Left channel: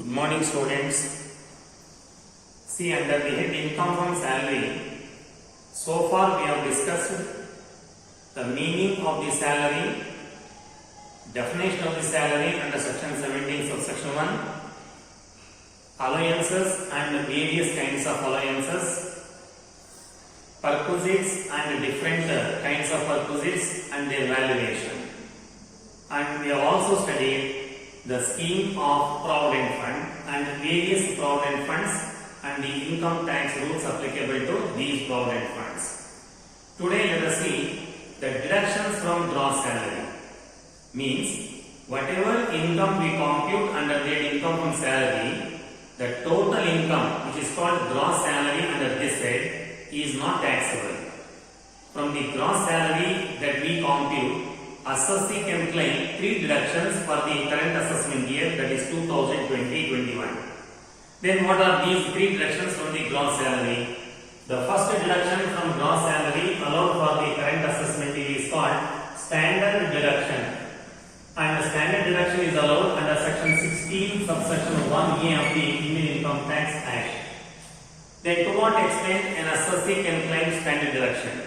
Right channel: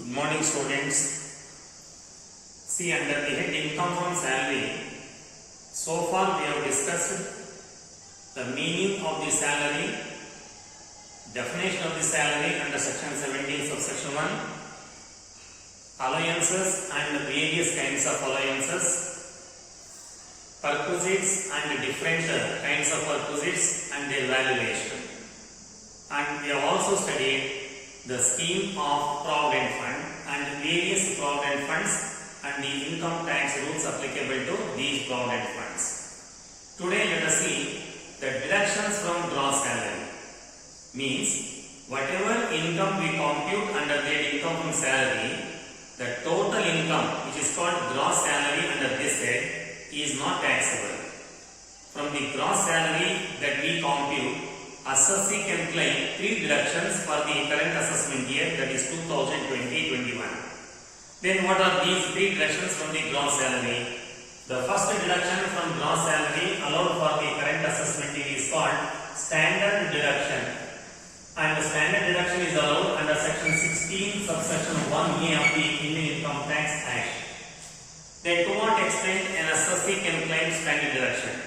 Good morning, students. See, under the head income from salary, so far we have discussed the meaning of the salary, definition of the salary under section 17 subsection 1, allowances and various kinds of allowances, perquisites and different kinds of perquisites and their valuation. And we have also studied the scheme of provident fund and various provident funds and the income tax rules applicable to these provident funds. Today let us see the deductions from gross salary. Means whatever income we compute under the income from salary, the total income which is called gross salary under this head is not taxable. From the gross salary that we compute, assessee can claim three deductions for the current assessment year, that is 2020-21. Then what are these three deductions from the gross salary? The first deduction from gross salary allowed for the current assessment year is called standard deduction. And the standard deduction is allowed under section 16 subsection 1A of the Indian Income Tax Act. Then to what extent an assessee can claim standard deduction?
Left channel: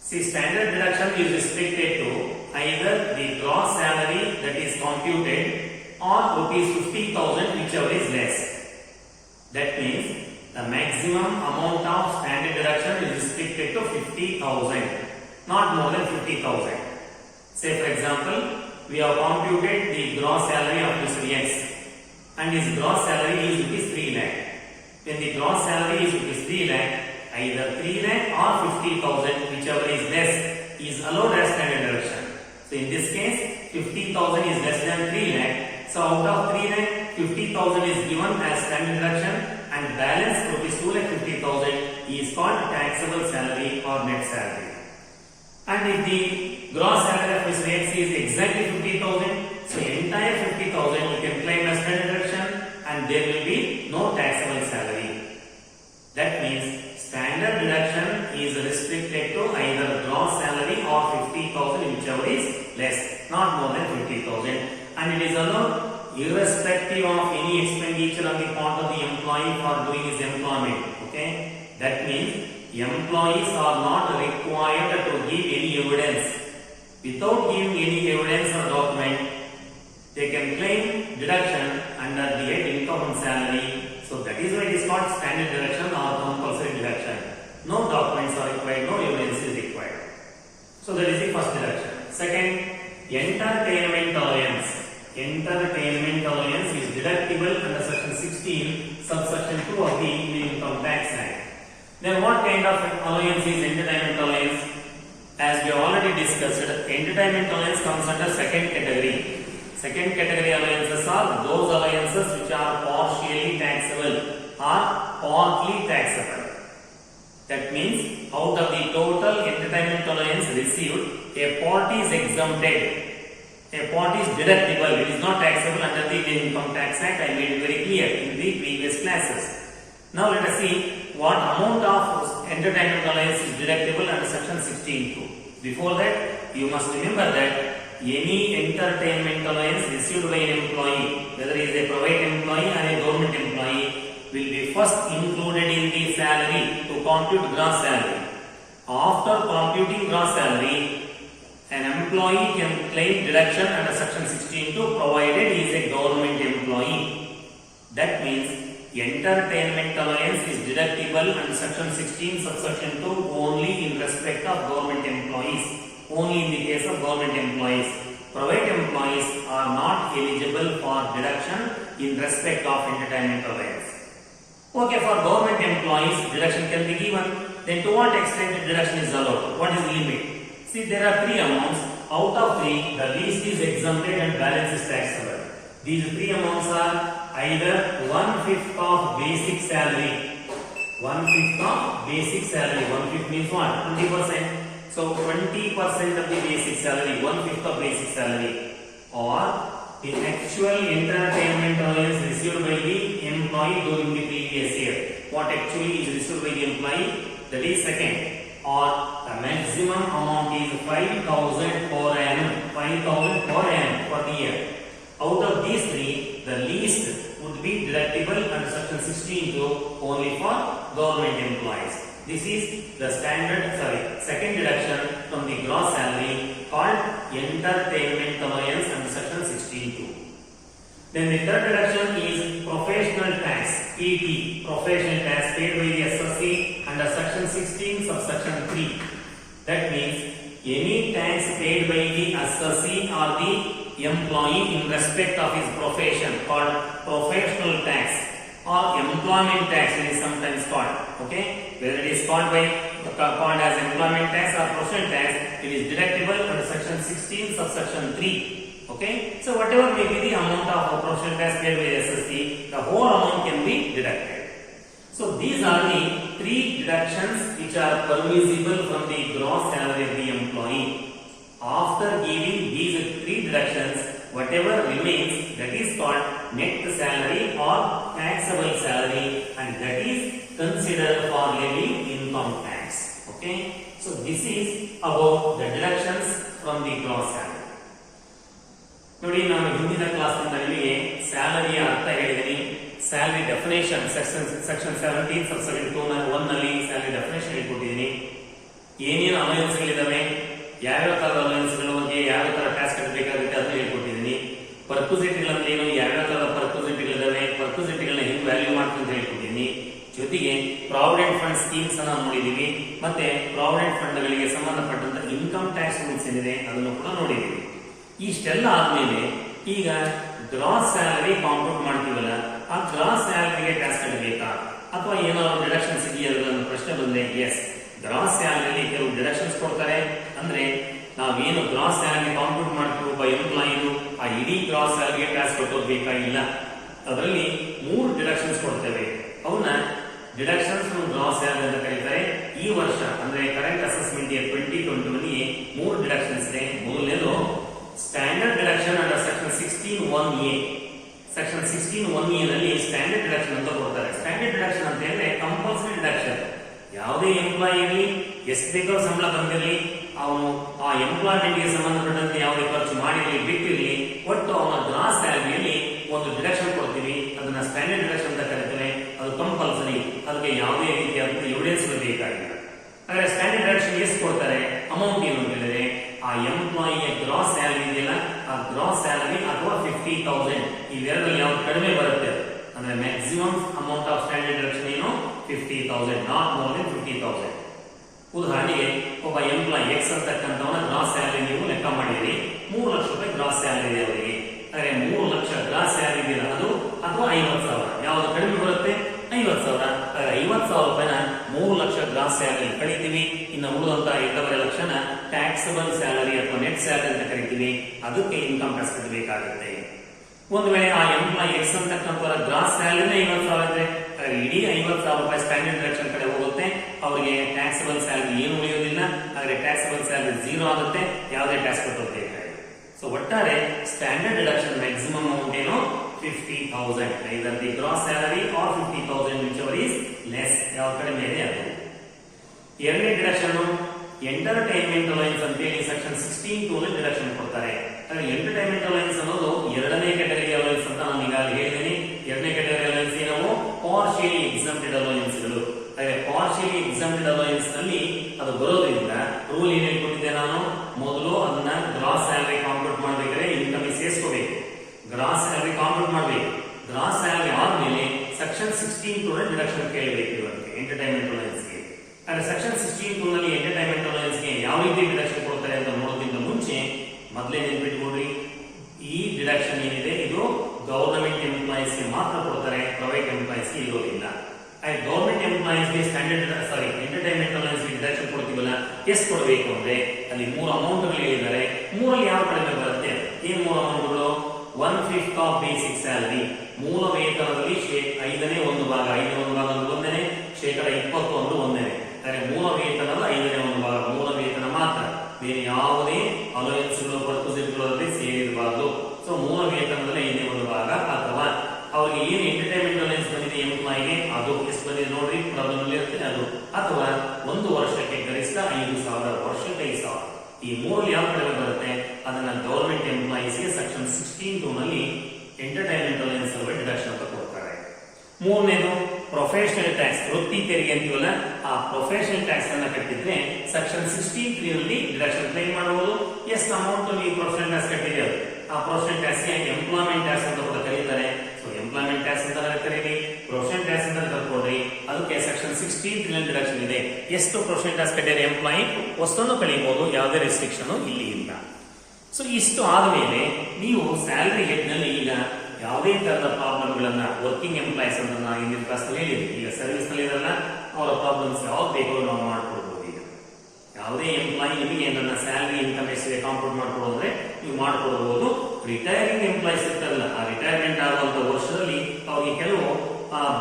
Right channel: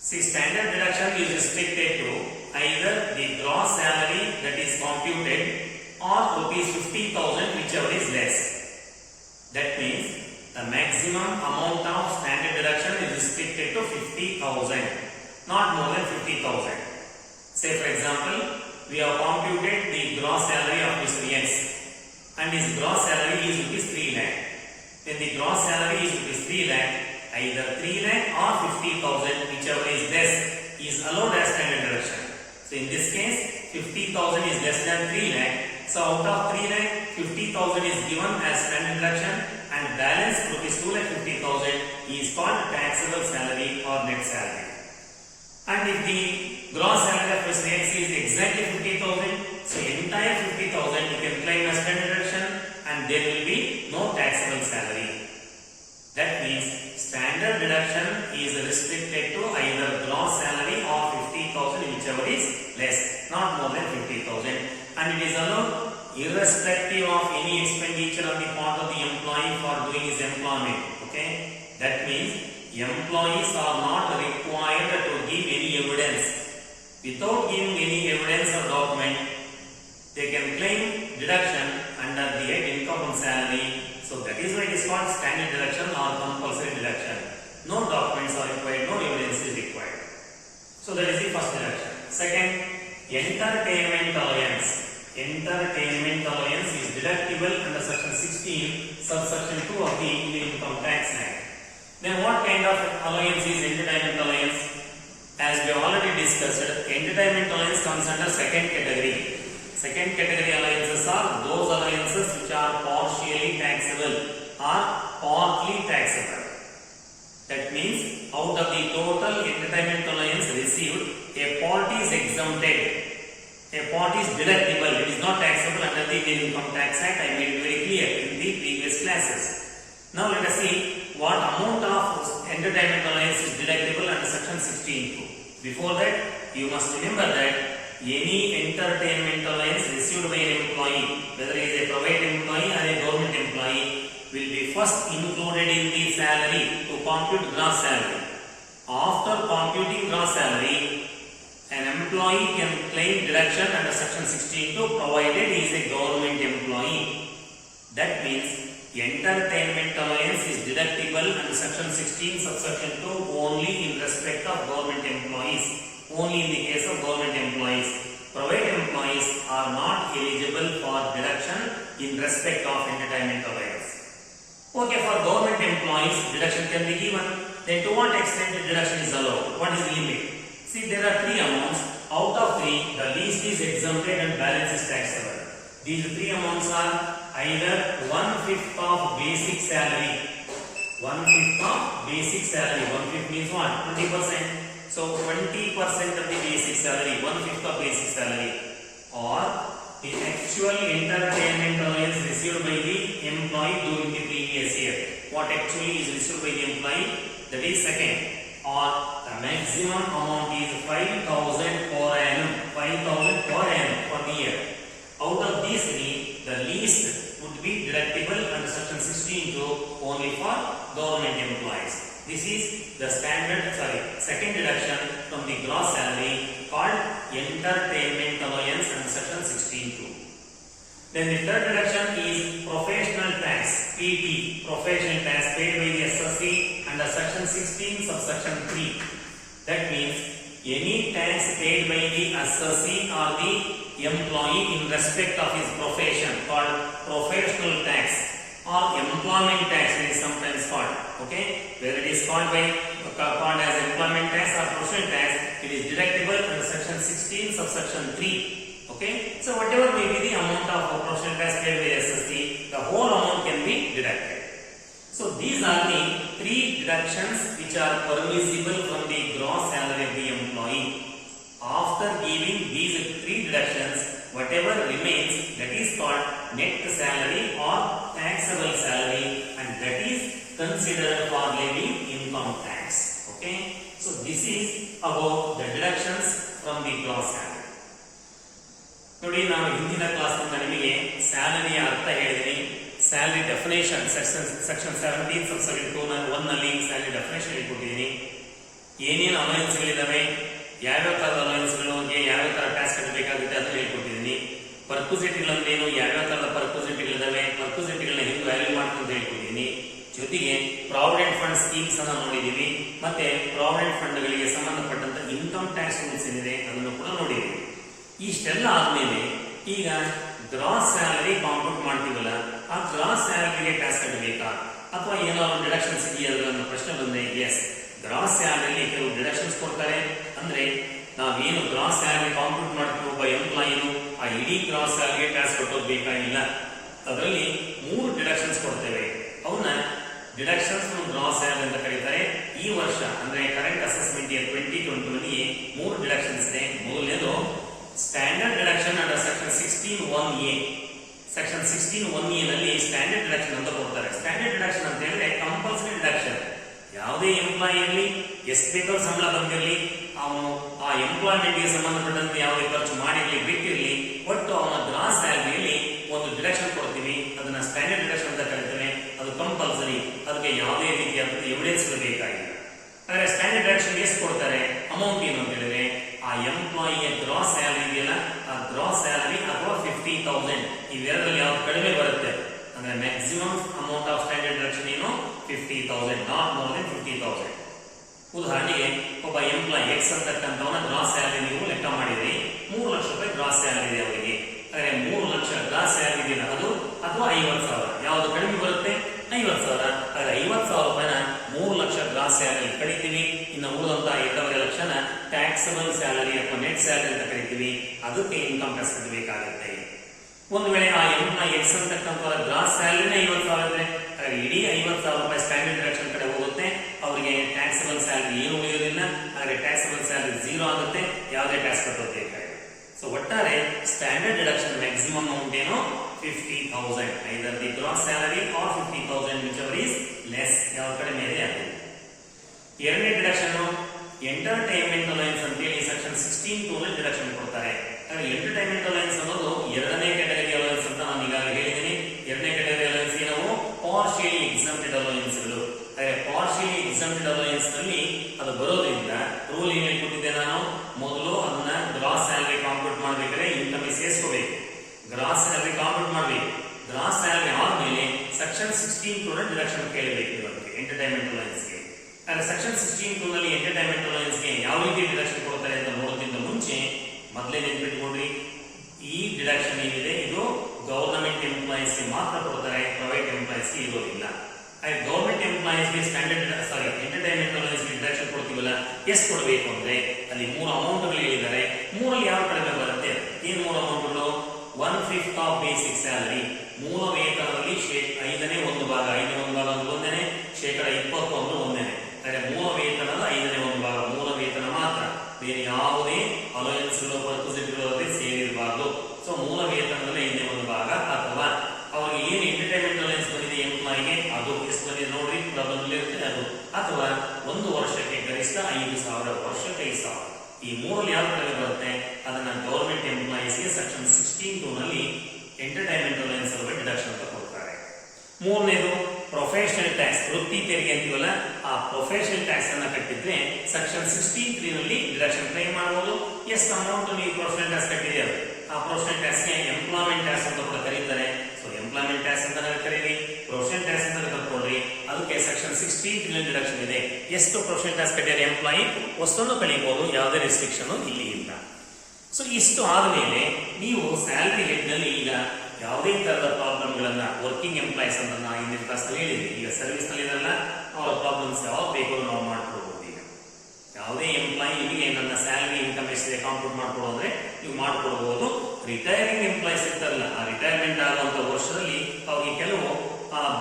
See, standard deduction is restricted to either the gross salary that is computed or rupees 50,000, whichever is less. That means the maximum amount of standard deduction is restricted to 50,000, not more than 50,000. Say for example, we have computed the gross salary of Mr. X and his gross salary is rupees 3 lakh. When the gross salary is rupees 3 lakh, either 3 lakh or 50,000, whichever is less, is allowed as standard deduction. So in this case, 50,000 is less than 3 lakh. So out of 3 lakh, 50,000 is given as standard deduction and balance rupees 2 lakh 50,000 is called taxable salary or net salary. And if the gross salary of Mr. X is exactly 50,000, so entire 50,000 you can claim as standard deduction and there will be no taxable salary. That means standard deduction is restricted to either gross salary or 50,000, whichever is less, not more than 50,000, and it is allowed irrespective of any expenditure on the part of the employee for doing his employment. Okay, that means employees are not required to give any evidence. Without giving any evidence or document, they can claim deduction under the head income from salary. So that is why it is called standard deduction or compulsory deduction. No documents are required, no evidence is required. So that is the first deduction. Second, entertainment allowance. Entertainment allowance is deductible under section 16, subsection 2 of the Indian Income Tax Act. Then what kind of allowance is entertainment allowance? As we have already discussed, entertainment allowance comes under second category. Second category allowances are those allowances which are partially taxable or partly taxable. That means out of the total entertainment allowance received, a part is exempted, a part is deductible. It is not taxable under the Indian Income Tax Act. I made it very clear in the previous classes. Now let us see what amount of entertainment allowance is deductible under section 16(2). Before that, you must remember that any entertainment allowance received by an employee, whether he is a private employee or a government employee, will be first included in the salary to compute gross salary. After computing gross salary, an employee can claim deduction under section 16(2) provided he is a government employee. That means entertainment allowance is deductible under section 16 subsection 2 only in respect of government employees. Only in the case of government employees. Private employees are not eligible for deduction in respect of entertainment allowance. Okay, for government employees, deduction can be given. Then to what extent the deduction is allowed? What is the limit? See, there are three amounts. Out of three, the least is exempted and balance is taxable. These three amounts are either 1/5 of basic salary. 1/5 of basic salary. 1/5 means what? 20%. So 20% of the basic salary, 1/5 of basic salary, or the actual entertainment allowance received by the employee during the previous year. What actually is received by the employee? That is second. Or the maximum amount is 5,000 per annum. 5,000 per annum for the year. Out of these three, the least would be deductible under section 16(2) only for government employees. This is the second deduction from the gross salary called entertainment allowance under section 16(2). Then the third deduction is professional tax, PT, professional tax paid by the SSC under section 16 subsection 3. That means any tax paid by the SSC or the employee in respect of his profession called professional tax or employment tax it is sometimes called. Okay, whether it is called as employment tax or professional tax, it is deductible under section 16 subsection 3. Okay, so whatever may be the amount of professional tax paid by SSC, the whole amount can be deducted. So these are the three deductions which are permissible from the gross salary of the employee. After giving these three deductions, whatever remains, that is called net salary or taxable salary, and that is considered for levying income tax. Okay, so this is about the deductions from the gross salary. ನೋಡಿ, ನಾನು ಹಿಂದಿನ class ನಿಮಗೆ ಸ್ಯಾಲರಿಯ ಅರ್ಥ ಹೇಳಿದ್ದೀನಿ. Salary definition section 17 subsection 1 ನಲ್ಲಿ salary definition ಹೇಳ್ಕೊಟ್ಟಿದ್ದೀನಿ. ಏನೇನು ಅಲವೆನ್ಸ್ಗಳಿದಾವೆ, ಯಾವ್ಯಾವ ತರದ ಅಲವೆನ್ಸ್ಗಳು, ಯಾವ್ಯಾವ ತರ ಟ್ಯಾಕ್ಸ್ ಕಟ್ಟಬೇಕಾಗುತ್ತೆ ಅದನ್ನ ಹೇಳ್ಕೊಟ್ಟಿದ್ದೀನಿ. ಪರ್ಕ್ವಿಸಿಟಿಗಳಂದ್ರೆ ಏನು, ಯಾವ್ಯಾವ ತರದ ಪರ್ಕ್ವಿಸಿಟಿಗಳಿದಾವೆ, ಪರ್ಕ್ವಿಸಿಟಿಗಳನ್ನ ಹೆಂಗ್ ವ್ಯಾಲ್ಯೂ ಮಾಡ್ಕೊಂಡು ಹೇಳ್ಕೊಟ್ಟಿದ್ದೀನಿ. ಜೊತೆಗೆ ಪ್ರಾವಿಡೆಂಟ್ ಫಂಡ್ ಸ್ಕೀಮ್ಸ್ ಅನ್ನ ನೋಡಿದೀವಿ. ಮತ್ತೆ ಪ್ರಾವಿಡೆಂಟ್ ಫಂಡ್ ಗಳಿಗೆ ಸಂಬಂಧಪಟ್ಟಂತ ಇನ್ಕಮ್ ಟ್ಯಾಕ್ಸ್ ರೂಲ್ಸ್ ಏನಿದೆ ಅದನ್ನು ಕೂಡ ನೋಡಿದೀವಿ. ಇಷ್ಟೆಲ್ಲ ಆದ್ಮೇಲೆ ಈಗ ಗ್ರಾಸ್ ಸ್ಯಾಲರಿ ಕಾಂಪ್ಯೂಟ್ ಮಾಡ್ತೀವಲ್ಲ, ಆ ಗ್ರಾಸ್ ಸ್ಯಾಲರಿಗೆ ಟ್ಯಾಕ್ಸ್ ಕಟ್ಟಬೇಕಾ ಅಥವಾ ಏನಾದ್ರು ಡಿಡಕ್ಷನ್ಸ್ ಇದೆಯಾ ಅನ್ನೋ ಪ್ರಶ್ನೆ ಬಂದ್ರೆ, ಎಸ್, ಗ್ರಾಸ್ ಸ್ಯಾಲರಿಯಲ್ಲಿ ಕೆಲವು ಡಿಡಕ್ಷನ್ಸ್ ಕೊಡ್ತಾರೆ. ಅಂದ್ರೆ ನಾವೇನು ಗ್ರಾಸ್ ಸ್ಯಾಲರಿ ಕಾಂಪ್ಯೂಟ್ ಮಾಡ್ತೀವಿ ಒಬ್ಬ ಎಂಪ್ಲಾಯಿದು, ಆ ಇಡೀ ಗ್ರಾಸ್ ಸ್ಯಾಲರಿಗೆ ಟ್ಯಾಕ್ಸ್ ಕಟ್ಟೋಬೇಕಾಗಿಲ್ಲ. ಅದರಲ್ಲಿ 3 ಡಿಡಕ್ಷನ್ಸ್ ಕೊಡ್ತೇವೆ. ಅವನ್ನ ಡಿಡಕ್ಷನ್ಸ್ ಫ್ರಮ್ ಗ್ರಾಸ್ ಸ್ಯಾಲರಿ ಅಂತ ಕರೀತಾರೆ. ಈ ವರ್ಷ ಅಂದ್ರೆ ಕರೆಂಟ್ ಅಸೆಸ್ಮೆಂಟ್ 2020 3 ಡಿಡಕ್ಷನ್ಸ್ ಇದೆ. ಮೊದಲನೇದು standard deduction under section 16(1)(a). Section 16(1)(a) ನಲ್ಲಿ ಸ್ಟ್ಯಾಂಡರ್ಡ್ ಡಿಡಕ್ಷನ್ ಅಂತ ಕೊಡ್ತಾರೆ. ಸ್ಟ್ಯಾಂಡರ್ಡ್ ಡಿಡಕ್ಷನ್ ಅಂತ ಹೇಳಿದ್ರೆ ಕಂಪಲ್ಸರಿ ಡಿಡಕ್ಷನ್. ಯಾವುದೇ ಎಂಪ್ಲಾಯಿಯಲ್ಲಿ ಎಷ್ಟು ಬೇಕಾದ್ರೂ ಸಂಬಳ ಬಂದಿರಲಿ, ಅವನು ಆ ಎಂಪ್ಲಾಯ್ಮೆಂಟ್ಗೆ ಸಂಬಂಧಪಟ್ಟಂತೆ ಯಾವುದೇ ಖರ್ಚು ಮಾಡಿರಲಿ ಬಿಟ್ಟಿರಲಿ, ಒಟ್ಟು ಅವನ ಗ್ರಾಸ್ ಸ್ಯಾಲರಿಯಲ್ಲಿ ಒಂದು ಡಿಡಕ್ಷನ್ ಕೊಡ್ತೀವಿ. ಅದನ್ನ ಸ್ಟ್ಯಾಂಡರ್ಡ್ ಡಿಡಕ್ಷನ್ ಅಂತ ಕರೀತಾರೆ. ಅದು ಕಂಪಲ್ಸರಿ, ಅದಕ್ಕೆ ಯಾವುದೇ ರೀತಿಯಾದ ಎವಿಡೆನ್ಸ್ ಬೇಕಾಗಿಲ್ಲ. ಆದರೆ ಸ್ಟ್ಯಾಂಡರ್ಡ್ ಡಿಡಕ್ಷನ್ ಎಷ್ಟು ಕೊಡ್ತಾರೆ, ಅಮೌಂಟ್ ಏನು ಅಂತ ಹೇಳಿದ್ರೆ, ಆ ಎಂಪ್ಲಾಯಿಯ ಗ್ರಾಸ್ ಸ್ಯಾಲರಿ ಇದೆಯಲ್ಲ, ಆ ಗ್ರಾಸ್ ಸ್ಯಾಲರಿ ಅಥವಾ 50,000 ಇವೆರಡರಲ್ಲಿ ಯಾವ್ದು ಕಡಿಮೆ ಬರುತ್ತೆ ಅಂದ್ರೆ maximum amount of standard deduction ಏನು 50,000, ನಾಟ್ ಮೋರ್ ದೆನ್ 50,000. ಉದಾಹರಣೆಗೆ ಒಬ್ಬ ಎಂಪ್ಲಾಯಿ ಎಕ್ಸ್ ಅಂತಕ್ಕಂಥವನ ಗ್ರಾಸ್ ಸ್ಯಾಲರಿ ನೀವು ಲೆಕ್ಕ ಮಾಡಿದ್ರಿ, 3 ಲಕ್ಷ ರೂಪಾಯಿ ಗ್ರಾಸ್ ಸ್ಯಾಲರಿ ಇದೆ ಅವರಿಗೆ. ಹಾಗೆ 3 ಲಕ್ಷ ಗ್ರಾಸ್ ಸ್ಯಾಲರಿ ಇದೆಯಲ್ಲ ಅದು, ಅಥವಾ 50,000 ಯಾವ್ದು ಕಡಿಮೆ ಬರುತ್ತೆ, 50,000. ಹಾಗೆ 50,000 ರೂಪಾಯಿನ 3 ಲಕ್ಷ ಗ್ರಾಸ್ ಸ್ಯಾಲರಿ ಕಳಿತೀವಿ. ಇನ್ನು ಉಳಿದಂತ 2.5 ಲಕ್ಷನ ಟ್ಯಾಕ್ಸಬಲ್ ಸ್ಯಾಲರಿ ಅಥವಾ ನೆಟ್ ಸ್ಯಾಲರಿ ಅಂತ ಕರಿತೀವಿ. ಅದಕ್ಕೆ ಇನ್ಕಮ್ ಟ್ಯಾಕ್ಸ್ ಕಟ್ಟಬೇಕಾಗುತ್ತೆ. ಒಂದು ವೇಳೆ ಆ ಎಂಪ್ಲಾಯಿ ಎಕ್ಸ್ ಅಂತಕ್ಕಂಥವರ ಗ್ರಾಸ್ ಸ್ಯಾಲರಿನೇ 50,000 ಇದ್ರೆ ಇಡೀ 50,000 ರೂಪಾಯಿ ಸ್ಟ್ಯಾಂಡರ್ಡ್ ಡಿಡಕ್ಷನ್ ಕಡೆ ಹೋಗುತ್ತೆ. ಅವರಿಗೆ ಟ್ಯಾಕ್ಸಬಲ್ ಸ್ಯಾಲರಿ ಏನು ಉಳಿಯೋದಿಲ್ಲ. ಹಾಗೆ ಟ್ಯಾಕ್ಸಬಲ್ ಸ್ಯಾಲರಿ 0 ಆಗುತ್ತೆ, ಯಾವುದೇ ಟ್ಯಾಕ್ಸ್ ಕಟ್ಟೋಬೇಕಾಗಿಲ್ಲ. ಸೊ ಒಟ್ಟಾರೆ ಸ್ಟ್ಯಾಂಡರ್ಡ್ ಡಿಡಕ್ಷನ್ ಮ್ಯಾಕ್ಸಿಮಮ್ ಅಮೌಂಟ್ ಏನು 50,000, either the gross salary or 50,000, whichever is less, ಯಾವ ಕಡಿಮೆ ಇದೆ ಅದು. ಎರಡನೇ ಡಿಡಕ್ಷನ್ ಎಂಟರ್ಟೈನ್ಮೆಂಟ್ ಅಲವೆನ್ಸ್ ಅಂತ ಹೇಳಿ ಸೆಕ್ಷನ್ 16(2) ನಲ್ಲಿ ಡಿಡಕ್ಷನ್ ಕೊಡ್ತಾರೆ. ಎಂಟರ್ಟೈನ್ಮೆಂಟ್ ಅಲವೆನ್ಸ್ ಅನ್ನೋದು ಎರಡನೇ ಕ್ಯಾಟಗರಿ ಅಲವೆನ್ಸ್ ಅಂತ ನಾನು ಈಗಾಗಲೇ ಹೇಳಿದ್ದೀನಿ. ಎರಡನೇ ಕ್ಯಾಟಗರಿ ಅಲವೆನ್ಸ್ ಏನವು ಪಾರ್ಷಿಯಲಿ ಎಕ್ಸಂಪ್ಟೆಡ್ ಅಲವೆನ್ಸ್ಗಳು. ಪಾರ್ಷಿಯಲಿ ಎಕ್ಸಂಪ್ಟೆಡ್ ಅಲವೆನ್ಸ್ ನಲ್ಲಿ ಅದು ಬರೋದ್ರಿಂದ ರೂಲ್ ಏನ್ ಹೇಳ್ಕೊಟ್ಟಿದ್ದೆ ನಾನು, ಮೊದಲು ಅದನ್ನ ಗ್ರಾಸ್ ಸ್ಯಾಲರಿ ಕಾಂಪ್ಯೂಟ್ ಮಾಡಬೇಕಾದ್ರೆ ಇನ್ಕಮ್ ಸೇರಿಸ್ಕೋಬೇಕು. ಗ್ರಾಸ್ ಸ್ಯಾಲರಿ ಕಾಂಪ್ಯೂಟ್ ಮಾಡಬೇಕು. ಗ್ರಾಸ್ ಸ್ಯಾಲರಿ ಆದ್ಮೇಲೆ ಸೆಕ್ಷನ್ 16(2) ಡಿಡಕ್ಷನ್ ಕೇಳಬೇಕು ಇವರಿಗೆ ಎಂಟರ್ಟೈನ್ಮೆಂಟ್ ಅಲವೆನ್ಸ್ಗೆ. ಅಂದ್ರೆ ಸೆಕ್ಷನ್ 16(2) ನಲ್ಲಿ ಎಂಟರ್ಟೈನ್ಮೆಂಟ್ ಅಲವೆನ್ಸ್ಗೆ ಯಾವ ರೀತಿ ಡಿಡಕ್ಷನ್ ಕೊಡ್ತಾರೆ ಅಂತ ನೋಡೋದ್ರಿಂದ ಮುಂಚೆ ಮೊದಲೇ ನೆನ್ಪಿಟ್ಕೊಂಡ್ರಿ, ಈ ಡಿಡಕ್ಷನ್ ಏನಿದೆ ಇದು ಗವರ್ನಮೆಂಟ್ ಎಂಪ್ಲಾಯೀಸ್ಗೆ ಮಾತ್ರ ಕೊಡ್ತಾರೆ, ಪ್ರೈವೇಟ್ ಎಂಪ್ಲಾಯೀಸ್ಗೆ ಇರೋದಿಲ್ಲ. ಗವರ್ಮೆಂಟ್ ಎಂಪ್ಲಾಯೀಸ್ಗೆ ಎಂಟರ್ಟೈನ್ಮೆಂಟ್ ಅಲವೆನ್ಸ್ಗೆ ಡಿಡಕ್ಷನ್ ಕೊಡ್ತೀವಲ್ಲ, ಎಷ್ಟು ಕೊಡಬೇಕು ಅಂದ್ರೆ ಅಲ್ಲಿ 3 ಅಮೌಂಟ್ಗಳು ಹೇಳಿದ್ದಾರೆ. 3ರಲ್ಲಿ ಯಾವ ಕಡಿಮೆ ಬರುತ್ತೆ, ಏನ್ 3 ಅಮೌಂಟ್ಗಳು? 1/5 ಆಫ್ ಬೇಸಿಕ್ ಸ್ಯಾಲರಿ, ಮೂಲ ವೇತನದಲ್ಲಿ 5ನೇ 1 ಭಾಗ, 5ನೇ 1 ಭಾಗ ಒಂದನೇ, 21% ಒಂದನೇ. ಮೂಲ ವೇತನದ 5ನೇ 1 ಭಾಗ, ಮೂಲ ವೇತನ ಮಾತ್ರ, ಬೇರೆ ಯಾವುದೇ ಅಲವೆನ್ಸ್ಗಳು ಪರ್ಕ್ವಿಸಿಟಿಗಳಲ್ಲಿ ಸೇರಿರಬಾರ್ದು. ಸೊ ಮೂಲ ವೇತನದಲ್ಲಿ 5ನೇ 1 ಭಾಗ, ಅಥವಾ ಅವ್ರಿಗೆ ಏನು ಎಂಟರ್ಟೈನ್ಮೆಂಟ್ ಅಲವೆನ್ಸ್ ಬಂದಿದೆ ಎಂಪ್ಲಾಯಿಗೆ ಅದು ಎಷ್ಟು ಬಂದಿದೆ ನೋಡ್ರಿ, ಪ್ರಾಬ್ಲಮ್ ಇರ್ತದೆ ಅದು, ಅಥವಾ 1 ವರ್ಷಕ್ಕೆ ಗರಿಷ್ಠ 5,000, ವರ್ಷಕ್ಕೆ 5,000. ಈ 3 ಯಾವ ಕಡೆ ಬರುತ್ತೆ ಅದನ್ನ ಗವರ್ಮೆಂಟ್ ಎಂಪ್ಲಾಯೀಸ್ಗೆ ಸೆಕ್ಷನ್ 16(2) ನಲ್ಲಿ ಎಂಟರ್ಟೈನ್ಮೆಂಟ್ ಅಲವೆನ್ಸ್ ಡಿಡಕ್ಷನ್ ಅಂತ ಕೊಡ್ತಾರೆ. ಮೂರನೇದು ಪ್ರೊಫೆಷನಲ್ ಟ್ಯಾಕ್ಸ್, ವೃತ್ತಿ ತೆರಿಗೆ ಅಂತೀವಲ್ಲ, ಆ ಪ್ರೊಫೆಷನಲ್ ಟ್ಯಾಕ್ಸ್ ಅನ್ನ ಕಟ್ಟಿದ್ರೆ ಸೆಕ್ಷನ್ 63 ನಲ್ಲಿ ಡಿಡಕ್ಷನ್ ಕ್ಲೈಮ್ ಮಾಡಬಹುದು. ಎಷ್ಟು ಅಮೌಂಟ್ ನೀವು ಪ್ರೊಫೆಷನಲ್ ಟ್ಯಾಕ್ಸ್ ಕಟ್ಟಿದ್ದೇವೆ, ಆ ಪ್ರೊಫೆಷನಲ್ ಟ್ಯಾಕ್ಸ್ ಗೆ ಎಂಪ್ಲಾಯ್ಮೆಂಟ್ ಟ್ಯಾಕ್ಸ್ ಅಂತ ಕೂಡ ಕರೀತಾರೆ. ಸೊ ಎಂಪ್ಲಾಯ್ಮೆಂಟ್ ಟ್ಯಾಕ್ಸ್ ಅಂತ ಕರೀರಿ, ಪ್ರೊಫೆಷನಲ್ ಟ್ಯಾಕ್ಸ್ ಅಂತ ಕಲ್ತ್ಕೊಡ್ರಿ. ಅದಕ್ಕೆ ಸೆಕ್ಷನ್ 63 ನಲ್ಲಿ ಡಿಡಕ್ಷನ್ ಇದೆ. ಎಷ್ಟು ಪ್ರೊಫೆಷನಲ್ ಟ್ಯಾಕ್ಸ್ ಕಟ್ಟಿದ್ದಾರೆ ಎಂಪ್ಲಾಯಿ ವಸ್ತುವನ್ನು ಕಳಿಬಹುದು, ಯಾವುದೇ ರೆಸ್ಟ್ರಿಕ್ಷನ್ ಇಲ್ಲಿ ಇಲ್ಲ. ಸೊ ಇಷ್ಟು ಆದ್ಮೇಲೆ ನೀವು ಸ್ಯಾಲರಿ ಹೆಡ್ ನಲ್ಲಿ ಈಗ ಯಾವುದೇ ತರದ ಪ್ರಾಬ್ಲಮ್ಗಳನ್ನ ವರ್ಕಿಂಗ್ ಎಂಪ್ಲಾಯೀಸ್ ಅಂತ ನಾವು ಹಿಂದಿನ ಕ್ಲಾಸ್ ಹೇಳಿದ್ವಿ. ಈಗ ಸರ್ವಿಸ್ ನಲ್ಲಿ ಇರಲ್ಲ, ಅವರ ಪ್ರಾಬ್ಲಮ್ಸ್ ಯಾವ್ದು ಬೇಕು ನಾವು ಮಾಡ್ಕೊಡ್ಬೋದು. ಈಗ ಯಾವುದೇ ಎಂಪ್ಲಾಯಿ ನಿಮಗೆ ನನ್ನ ಸ್ಯಾಲರಿ ಇನ್ಕಮ್ ಎಷ್ಟಿದೆ ಕಾಂಪ್ಯೂಟ್ ಮಾಡ್ಕೊಡೋದ್ರೆ ನೀವು ಮಾಡ್ಕೊಡ್ಬೋದು. ರಿಟೈರಿಂಗ್ ಎಂಪ್ಲಾಯೀಸ್ ಇರ್ತಾರಲ್ಲ, ಆ ರಿಟೈರ್ಮೆಂಟ್ ಆಗುವಂತ ವರ್ಷದಲ್ಲಿ ಅವ್ರಿಗೆ ಕೆಲವು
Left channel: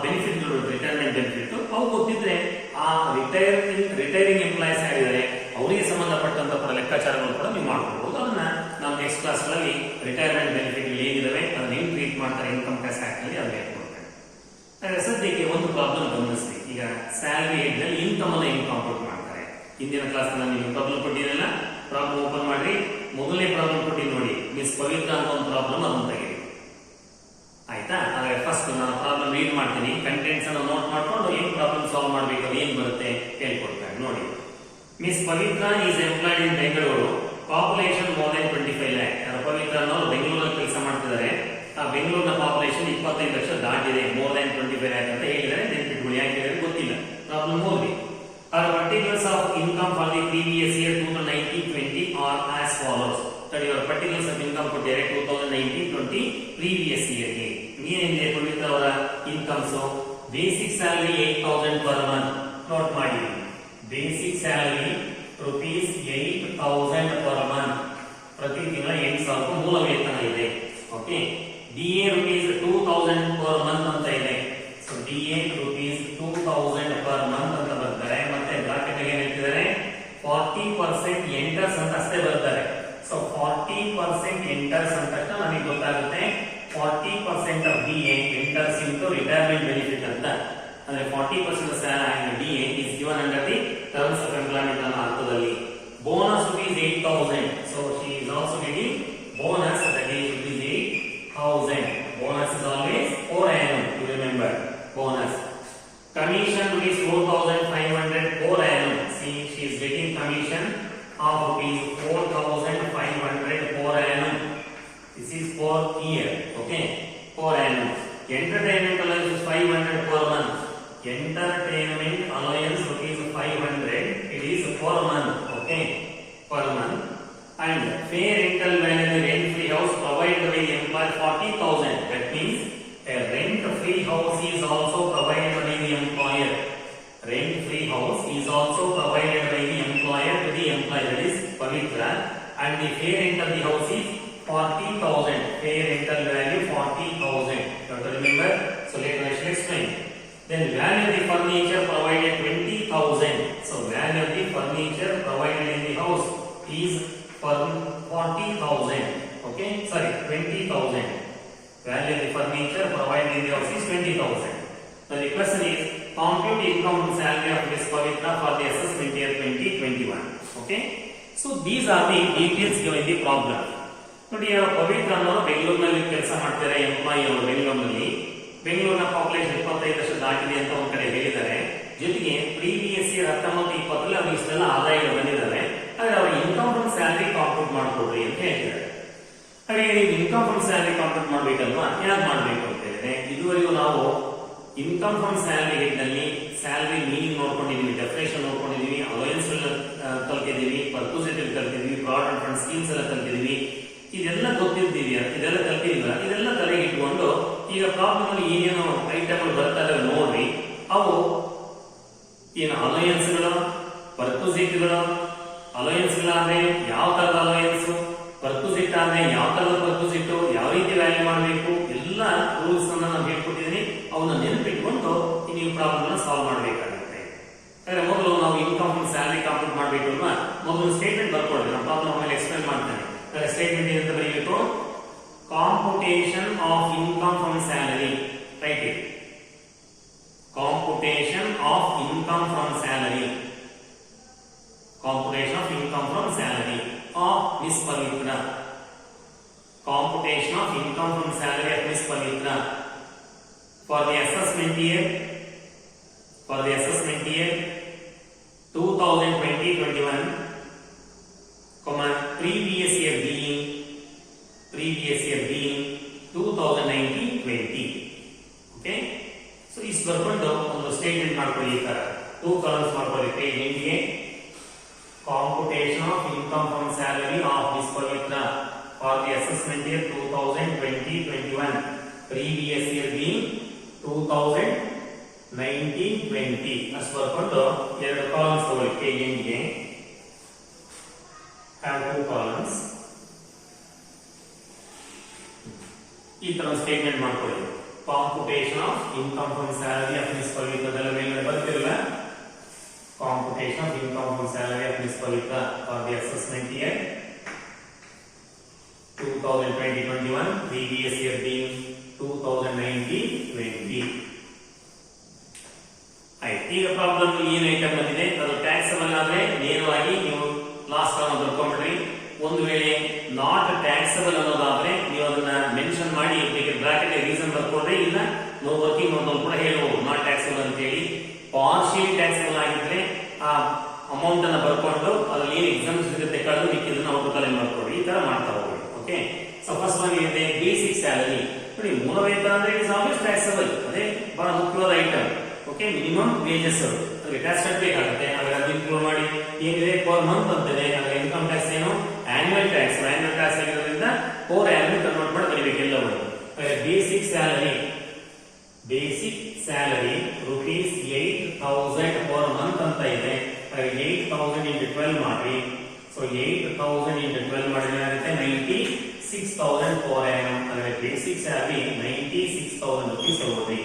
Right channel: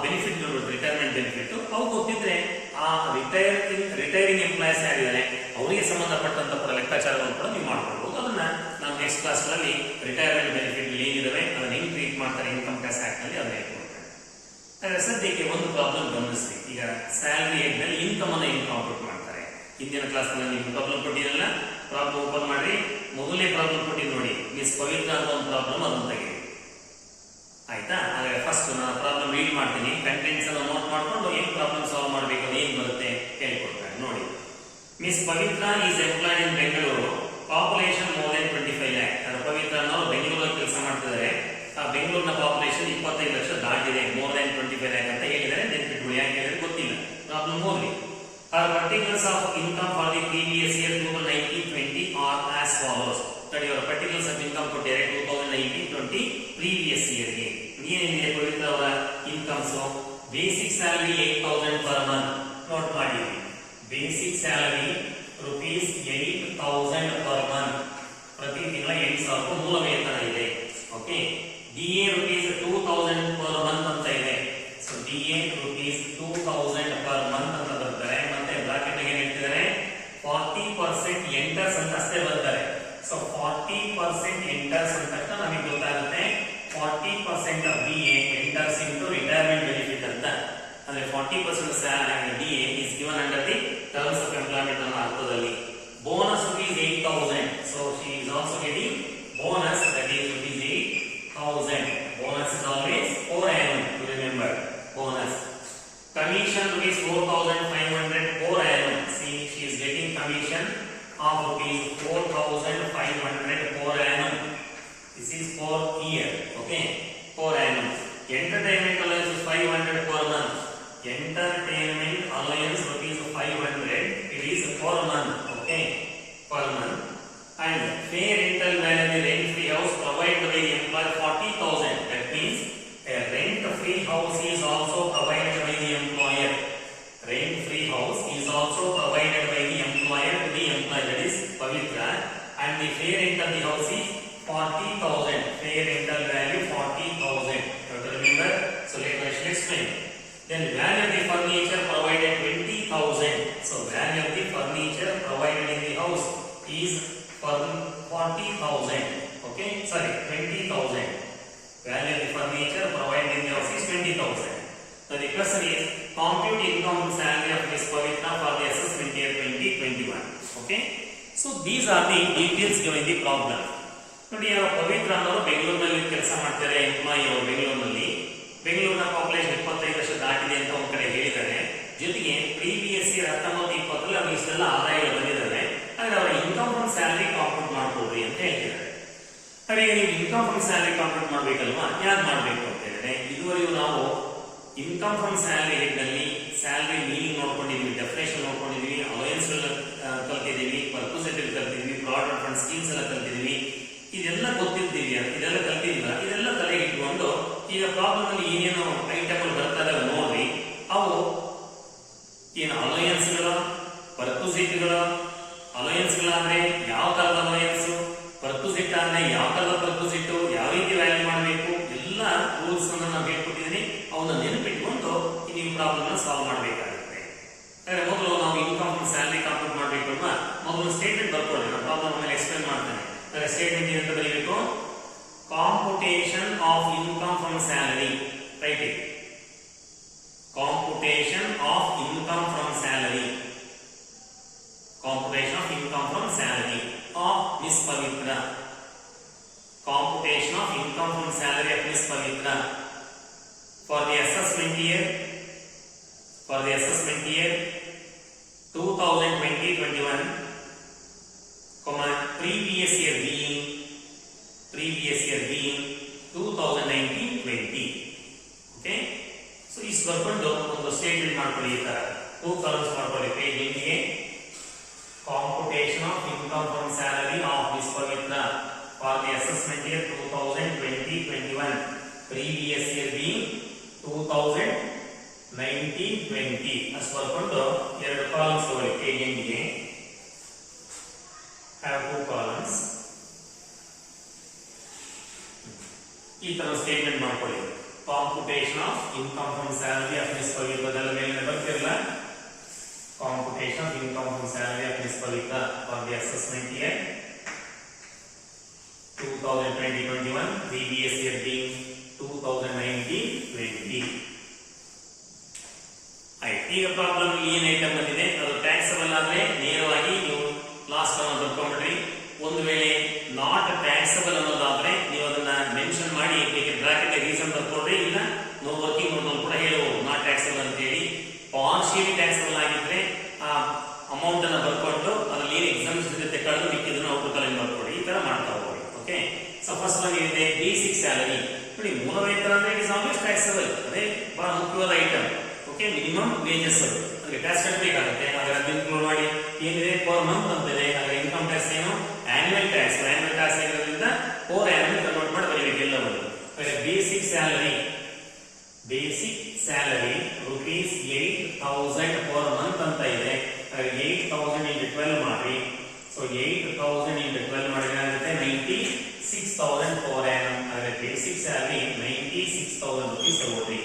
ಬೆನಿಫಿಟ್ಗಳು, ರಿಟೈರ್ಮೆಂಟ್ ಬೆನಿಫಿಟ್ ಅವು ಗೊತ್ತಿದ್ರೆ ಆ ರಿಟೈರಿಂಗ್ ಎಂಪ್ಲಾಯೀಸ್ ಯಾರಿದ್ದಾರೆ ಅವರಿಗೆ ಸಂಬಂಧಪಟ್ಟಂತ ಲೆಕ್ಕಾಚಾರಗಳು ಕೂಡ ನೀವು ಮಾಡ್ಕೊಡ್ಬೋದು. ಅದನ್ನ ನಾವು ನೆಕ್ಸ್ಟ್ ಕ್ಲಾಸ್ ನಲ್ಲಿ ರಿಟೈರ್ಮೆಂಟ್ ಬೆನಿಫಿಟ್ ಏನಿದಾವೆ ಅದನ್ನ ಹೆಂಗ್ ಟ್ರೀಟ್ ಮಾಡ್ತಾರೆ ಇನ್ಕಮ್ ಟ್ಯಾಕ್ಸ್ ಆಕ್ಟ್ ನಲ್ಲಿ ಅದನ್ನ ಹೇಳ್ಕೊಡ್ತಾರೆ. ಸದ್ಯಕ್ಕೆ ಒಂದು ಪ್ರಾಬ್ಲಮ್ ಗಮನಿಸ್ರಿ. ಈಗ ಸ್ಯಾಲರಿ ಹೆಡ್ ನಲ್ಲಿ ಇನ್ಕಮ್ ಅನ್ನ ಹೆಂಗ್ ಕಾಂಪ್ಯೂಟ್ ಮಾಡ್ತಾರೆ. ಹಿಂದಿನ ಕ್ಲಾಸ್ ನಲ್ಲಿ ನೀವು ಪ್ರಾಬ್ಲಮ್ ಕೊಟ್ಟಿರಲ್ಲ, ಪ್ರಾಬ್ಲಮ್ ಓಪನ್ ಮಾಡಿ ಮೊದಲನೇ ಪ್ರಾಬ್ಲಮ್ ಕೊಟ್ಟಿ ನೋಡಿ, ಮಿಸ್ ಪವಿತ್ರ ಅಂತ ಒಂದು ಪ್ರಾಬ್ಲಮ್ ಅದನ್ನ ತೆಗೆದು ಆಯ್ತಾ. ಹಾಗೆ ಫಸ್ಟ್ ನಾನು ಪ್ರಾಬ್ಲಮ್ ರೀಡ್ ಮಾಡ್ತೀನಿ, ಕಂಟೆಂಟ್ಸ್ ಅನ್ನು ನೋಟ್ ಮಾಡ್ಕೊಂಡು ಏನ್ ಪ್ರಾಬ್ಲಮ್ ಸಾಲ್ವ್ ಮಾಡ್ಬೇಕು ಅದು ಏನ್ ಬರುತ್ತೆ ಹೇಳ್ಕೊಡ್ತಾರೆ. ನೋಡಿ, miss Pavitra is employed in Bengaluru, population more than 25 lakh. Pavitra ಅನ್ನೋರು ಬೆಂಗಳೂರಲ್ಲಿ ಕೆಲಸ ಮಾಡ್ತಿದ್ದಾರೆ. ಆ ಬೆಂಗಳೂರಿನ ಪಾಪ್ಯುಲೇಷನ್ 25 ಲಕ್ಷ ದಾಟಿದೆ, ಮೋರ್ ದನ್ 25 lakh ಅಂತ ಹೇಳಿದರೆ ನೆನ್ಪಿಟ್ಕೊಳ್ಳಿ. ಯಾಕೆ ಹೇಳಿದ್ರೆ ಗೊತ್ತಿಲ್ಲ. ಪ್ರಾಬ್ಲಮ್ ಓದಿ. Our particulars of income for the previous year 2019-20 are as follows. That your particulars of income ಕೊಟ್ಟಿದ್ದಾರೆ 2019-20 previous year ಗೆ. ಏನಿದೆ ಪವಿತ್ರ ಅವರ incomes? Basic salary 8,000 per month. Note ಮಾಡಿ, basic salary rupees 8,000 per month. ಪ್ರತಿ ತಿಂಗಳ 8,000 ಮೂಲ ವೇತನ ಇದೆ. Okay. DA rupees 2,000 per month ಅಂತ ಇದೆ. So DA rupees 2,000 per month ಅಂತ ಬರ್ತಾರೆ. ಮತ್ತೆ ಬ್ರಾಕೆಟ್ ಗೆ ಹೇಳ್ತಿದ್ದಾರೆ 40% ಎಂಟರ್ಸ್ ಅಂತ ಅಷ್ಟೇ ಬರ್ತಾರೆ. ಸೊ 40% ಎಂಟರ್ಸ್ ಅಂತ ನಮಗೆ ಗೊತ್ತಾಗುತ್ತೆ 40% of DA enters into retirement benefit ಅಂತ. ಅಂದ್ರೆ 40% DA is given under the terms of employment ಅನ್ನೋ ಅರ್ಥದಲ್ಲಿ. Bonus rupees 8,000. So she is also getting bonus, that is rupees 8,000. Bonus is always per annum, you remember bonus. Commission rupees 4,500 per annum. See, she is getting commission of rupees 4,500 per annum. This is per year, okay, per annum. Entertainment allowance is 500 per month. Entertainment allowance rupees 500. It is per month, okay, per month. And fair rental value of the rent-free house provided by the employer 40,000. That means a rent-free house is also provided by the employer. Rent-free house is also provided by the employer to the employee. That is Pavitra. And the fair rent of the house is 40,000. Fair rental value 40,000. Remember? So let us explain. Then value of the furniture provided 20,000. So value of the furniture provided in the house is 40,000. Okay, sorry, 20,000. Value of the furniture provided in the house is 20,000. So the question is compute income and salary of Miss Pavitra for the assessment year 2021. Okay, so these are the details given in the problem. ನೋಡಿ, ಯಾರೋ ಪವಿತ್ರ ಅನ್ನೋರು ಬೆಂಗಳೂರಿನಲ್ಲಿ ಕೆಲಸ ಮಾಡ್ತಾರೆ, employee ಅವರು ಬೆಂಗಳೂರಿನ population 25 lakh ದಾಟಿದೆ ಅಂತ ಒಂದ್ ಕಡೆ ಹೇಳಿದ್ದಾರೆ. ಜೊತೆಗೆ ಪ್ರೀವಿಯಸ್ ಇಯರ್ 19-20 ಅವ್ರಿಗೆ ಇಷ್ಟೆಲ್ಲ ಆದಾಯಗಳು ಬಂದಿದ್ದಾರೆ. ಹಾಗೆ ಅವರ ಇನ್ಕಮ್ ಫ್ರಮ್ ಸ್ಯಾಲರಿ ಕಾಂಪ್ಯೂಟ್ ಮಾಡ್ಕೊಡ್ರಿ ಅಂತ ಹೇಳ್ತಾರೆ. ಹಾಗೆ ನೀವು ಇನ್ಕಮ್ ಫ್ರಮ್ ಸ್ಯಾಲರಿ ಕಾಂಪ್ಯೂಟ್ ಮಾಡ್ಬೇಕಲ್ವಾ, ಯಾಕೆ ಮಾಡ್ಬೇಕು ಅಂತ ಹೇಳಿದ್ರೆ, ಇದುವರೆಗೂ ನಾವು ಇನ್ಕಮ್ ಫ್ರಮ್ ಸ್ಯಾಲರಿ ನಲ್ಲಿ ಸ್ಯಾಲರಿ ಮೀನಿಂಗ್ ನೋಡ್ಕೊಂಡಿದ್ವಿ, ಡೆಫಿನೇಷನ್ ನೋಡ್ಕೊಂಡಿದ್ವಿ, ಅಲಯನ್ಸ್ ಕಲ್ತಿದೀವಿ, ಪರ್ಪೋಸಿಟಿವ್ ಕಲ್ತಿದ್ವಿ, ಪ್ರಾವಿಡೆಂಟ್ ಫಂಡ್ ಸ್ಕೀಮ್ಸ್ ಎಲ್ಲ ಕಲ್ತಿದ್ವಿ. ಇದೆಲ್ಲ ಗೊತ್ತಿದ್ದೀವಿ, ಇದೆಲ್ಲ ಕಲ್ತಿಲ್ಲ, ಇದೆಲ್ಲ ತಲೆಗೆ ಇಟ್ಕೊಂಡು ಈಗ ಪ್ರಾಬ್ಲಮ್ ಅಲ್ಲಿ ಏನೇನೋ ಐಟಮ್ ಬರ್ತಾರೆ ನೋಡ್ರಿ. ಅವು ಏನು ಅಲಯನ್ಸ್ಗಳು, ಪರ್ಪೋಸಿಟ್ಗಳು, ಅಲಯನ್ಸ್ಗಳಾದ್ರೆ ಯಾವ ತರದ ಅಲಯನ್ಸ್, ಪರ್ಪೋಸಿಟ್ ಆದ್ರೆ ಯಾವ ತರದ ಪರ್ಪೋಸಿಟ್, ಯಾವ ರೀತಿ ವ್ಯಾಲ್ಯೂ ಮಾಡಬೇಕು, ಎಲ್ಲ ರೂಲ್ಸ್ ಅನ್ನ ನಾವು ಹೇಳ್ಕೊಟ್ಟಿದ್ದೀನಿ. ಅವನ್ನ ನೆನಪಿಟ್ಕೊಂಡು ನೀವು ಪ್ರಾಬ್ಲಮ್ ಸಾಲ್ವ್ ಮಾಡಬೇಕಾಗುತ್ತೆ. ಮೊದಲು ನಾವು ಇನ್ಕಮ್ ಸ್ಯಾಲರಿ ಕಾಂಪ್ಯೂಟ್ ಮಾಡಬೇಕು ಅಲ್ವಾ, ಮೊದಲು ಸ್ಟೇಟ್ಮೆಂಟ್ ಬರ್ಕೊಳ್ಳಿ. ನಾನು ಪ್ರಾಬ್ಲಮ್ ಎಕ್ಸ್ಪ್ಲೇನ್ ಮಾಡ್ತೇನೆ. ಸ್ಟೇಟ್ಮೆಂಟ್ ಅಂತ ಬರೀಬೇಕು, computation of income from salary. Right it, computation of income from salary. Computation of income from salary of Miss Pavitra. Computation of income from salary of Miss Pavitra for the assessment year 2020-21, previous year being 2019-20. Okay, so is ಬರ್ಕೊಂಡು ಒಂದು statement ಮಾಡ್ಕೊಳ್ಳಿ. ಈ ತರ 2 columns ಮಾಡ್ಕೊಳ್ಳಿ page ಎಂಡಿಗೆ. computation of income from salary of this Pavitra for the assessment year 2020-21, previous year being 2019-20. ಅಷ್ಟು ಬರ್ಕೊಂಡು 2 columns ತಗೊಳ್ಳಿ page ಎಂಡಿಗೆ. have 2 columns. ಈ ತರ ಸ್ಟೇಟ್ಮೆಂಟ್ ಮಾಡ್ಕೊಳ್ಳಿ. computation of income from salary of this Pavitra ಅದೆಲ್ಲ ಮೇಲೆ ಬರ್ತಿರಲ್ಲ. computation of income from salary of this Pavitra for the assessment year 2020-21, previous year being 2019-20. ಈಗ problem ಏನ್ ಐಟಮ್ ಬಂದಿದೆ, ಅದು ಟ್ಯಾಕ್ಸಬಲ್ ಆದ್ರೆ ನೇರವಾಗಿ ನೀವು ಲಾಸ್ಟ್ ಅನ್ನು ಬರ್ಕೊಂಡ್ಬಿಡ್ರಿ. ಒಂದು ವೇಳೆ ನಾಟ್ ಟ್ಯಾಕ್ಸಬಲ್ ಅನ್ನೋದಾದ್ರೆ ನೀವು ಅದನ್ನ ಮೆನ್ಷನ್ ಮಾಡಿ ಬ್ರಾಕೆಟ್ ರೀಸನ್ ಬರ್ಕೊಡ್ರಿ. ಇಲ್ಲ ನೋ ವರ್ಕಿಂಗ್ ನೋಟ್ ಕೂಡ ಹೇಳಬಹುದು ನಾಟ್ ಟ್ಯಾಕ್ಸಬಲ್ ಅಂತ ಹೇಳಿ. ಪಾರ್ಷಿಯಲಿ ಟ್ಯಾಕ್ಸಬಲ್ ಆಗಿದ್ರೆ ಆ ಅಮೌಂಟ್ ಅನ್ನ ಬರ್ಕೊಂಡು ಅದರಲ್ಲಿ ಎಕ್ಸಾಮ್ಸ್ ಇರುತ್ತೆ ಕಳೆದು ಮಿಕ್ಕಿದನ್ನ ಔಟ್ ಮಾಡ್ಕೊಡ್ರಿ. ಈ ತರ ಮಾಡ್ತಾ ಹೋಗ್ರಿ. ಓಕೆ, ಸೊ ಫಸ್ಟ್ ಒನ್ ಏನಿದೆ, ಬೇಸಿಕ್ ಸ್ಯಾಲರಿ. ನೋಡಿ, ಮೂಲ ವೇತನ ಅಂದ್ರೆ ಇಸ್ ಆಲ್ವೇಸ್ ಟ್ಯಾಕ್ಸಬಲ್, ಅದೇ ಬಹಳ ಮುಖ್ಯವಾದ ಐಟಮ್. ಓಕೆ, ಮಿನಿಮಮ್ ವೇಜಸ್ ಅಲ್ಲಿ ಟ್ಯಾಕ್ಸ್ ಕಟ್ಟಬೇಕಾಗುತ್ತೆ. ಹಾಗೆ ಅದನ್ನ ಇನ್ಕ್ಲೂಡ್ ಮಾಡಿ ಏನಿದೆ ಪರ್ ಮಂತ್ ಅಂತಿದೆ. ಹಾಗೆ ಇನ್ಕಮ್ ಟ್ಯಾಕ್ಸ್ ಏನು, ಆನ್ಯುವಲ್ ಟ್ಯಾಕ್ಸ್ ಆಗಿರೋದ್ರಿಂದ 4 ಆನ್ಯುವಲ್ ಕನ್ವರ್ಟ್ ಮಾಡಿ ಬರೀಬೇಕು ಎಲ್ಲವನ್ನು. Basic salary rupees 8,000 per month ಅಂತ ಇದೆ. 8,000 into 12 ಮಾಡಿ. ಸೊ 8,000 into 12 ಮಾಡಿದ್ರೆ ಆಗುತ್ತೆ 96,000 per annum. ಹಾಗಾದ್ರೆ ಬೇಸಿಕ್ ಸ್ಯಾಲರಿ 96,000 rupees ತಗೊಳ್ಳಿ.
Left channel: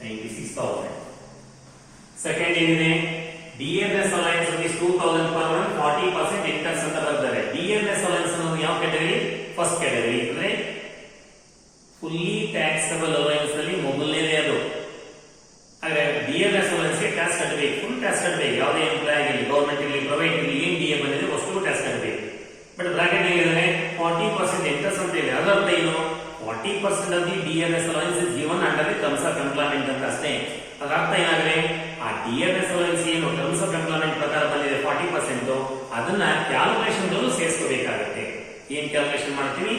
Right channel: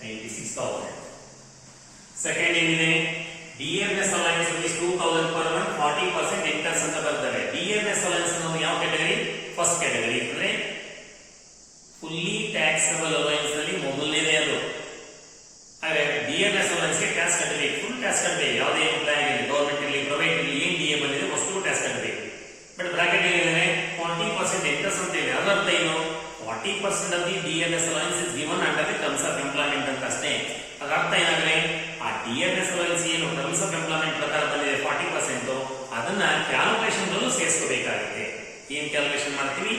96,000. ಸೆಕೆಂಡ್ ಏನಿದೆ, DMS allowance rupees 2,000 per month, 40% interest ಅಂತ ಬರ್ತಾರೆ. DMS ಅಲೈನ್ಸ್ ಅನ್ನೋದು ಯಾವ ಕ್ಯಾಟಗರಿ? First category. ಅಂದ್ರೆ ಫುಲ್ಲಿ ಟ್ಯಾಕ್ಸಬಲ್ ಅಲೈನ್ಸ್ ನಲ್ಲಿ ಮೊದಲನೇದೇ ಅದು. ಹಾಗೆ DMS ಅಲೈನ್ಸ್ ಗೆ ಟ್ಯಾಕ್ಸ್ ಕಟ್ಟಬೇಕು, ಫುಲ್ ಟ್ಯಾಕ್ಸ್ ಕಟ್ಟಬೇಕು. ಯಾವುದೇ ಎಂಪ್ಲಾಯ್ ಆಗಲಿ, ಗೌರ್ಮೆಂಟ್ ಇರಲಿ, ಪ್ರೈವೇಟ್ ಇರಲಿ, ಏನ್ DA ಬಂದಿದೆ ಅಷ್ಟು ಟ್ಯಾಕ್ಸ್ ಕಟ್ಟಬೇಕು. ಬಟ್ ಬ್ರಾಕೆಟ್ ಏನಿದೆ 40% ಇಂಟ್ರೆಸ್ಟ್ ಅಂತ ಇದೆ. ಅದರ ಅರ್ಥ ಏನು, 40% of the DMS allowance is given under the terms of employment ಅಂತ ಅಷ್ಟೇ. ಅದರ ಅರ್ಥ ಏನಾದ್ರೆ ಆ DMS allowance ಏನು terms of employment ಪ್ರಕಾರ ಬಂದಿದೆ 40%, ಅದನ್ನ ಕ್ಯಾಲ್ಕುಲೇಷನ್ ಗಳಲ್ಲೂ ಸೇರಿಸಬೇಕಾಗುತ್ತೆ. ಏನ್ ಕ್ಯಾಲ್ಕುಲೇಷನ್ ಮಾಡ್ತೀವಿ,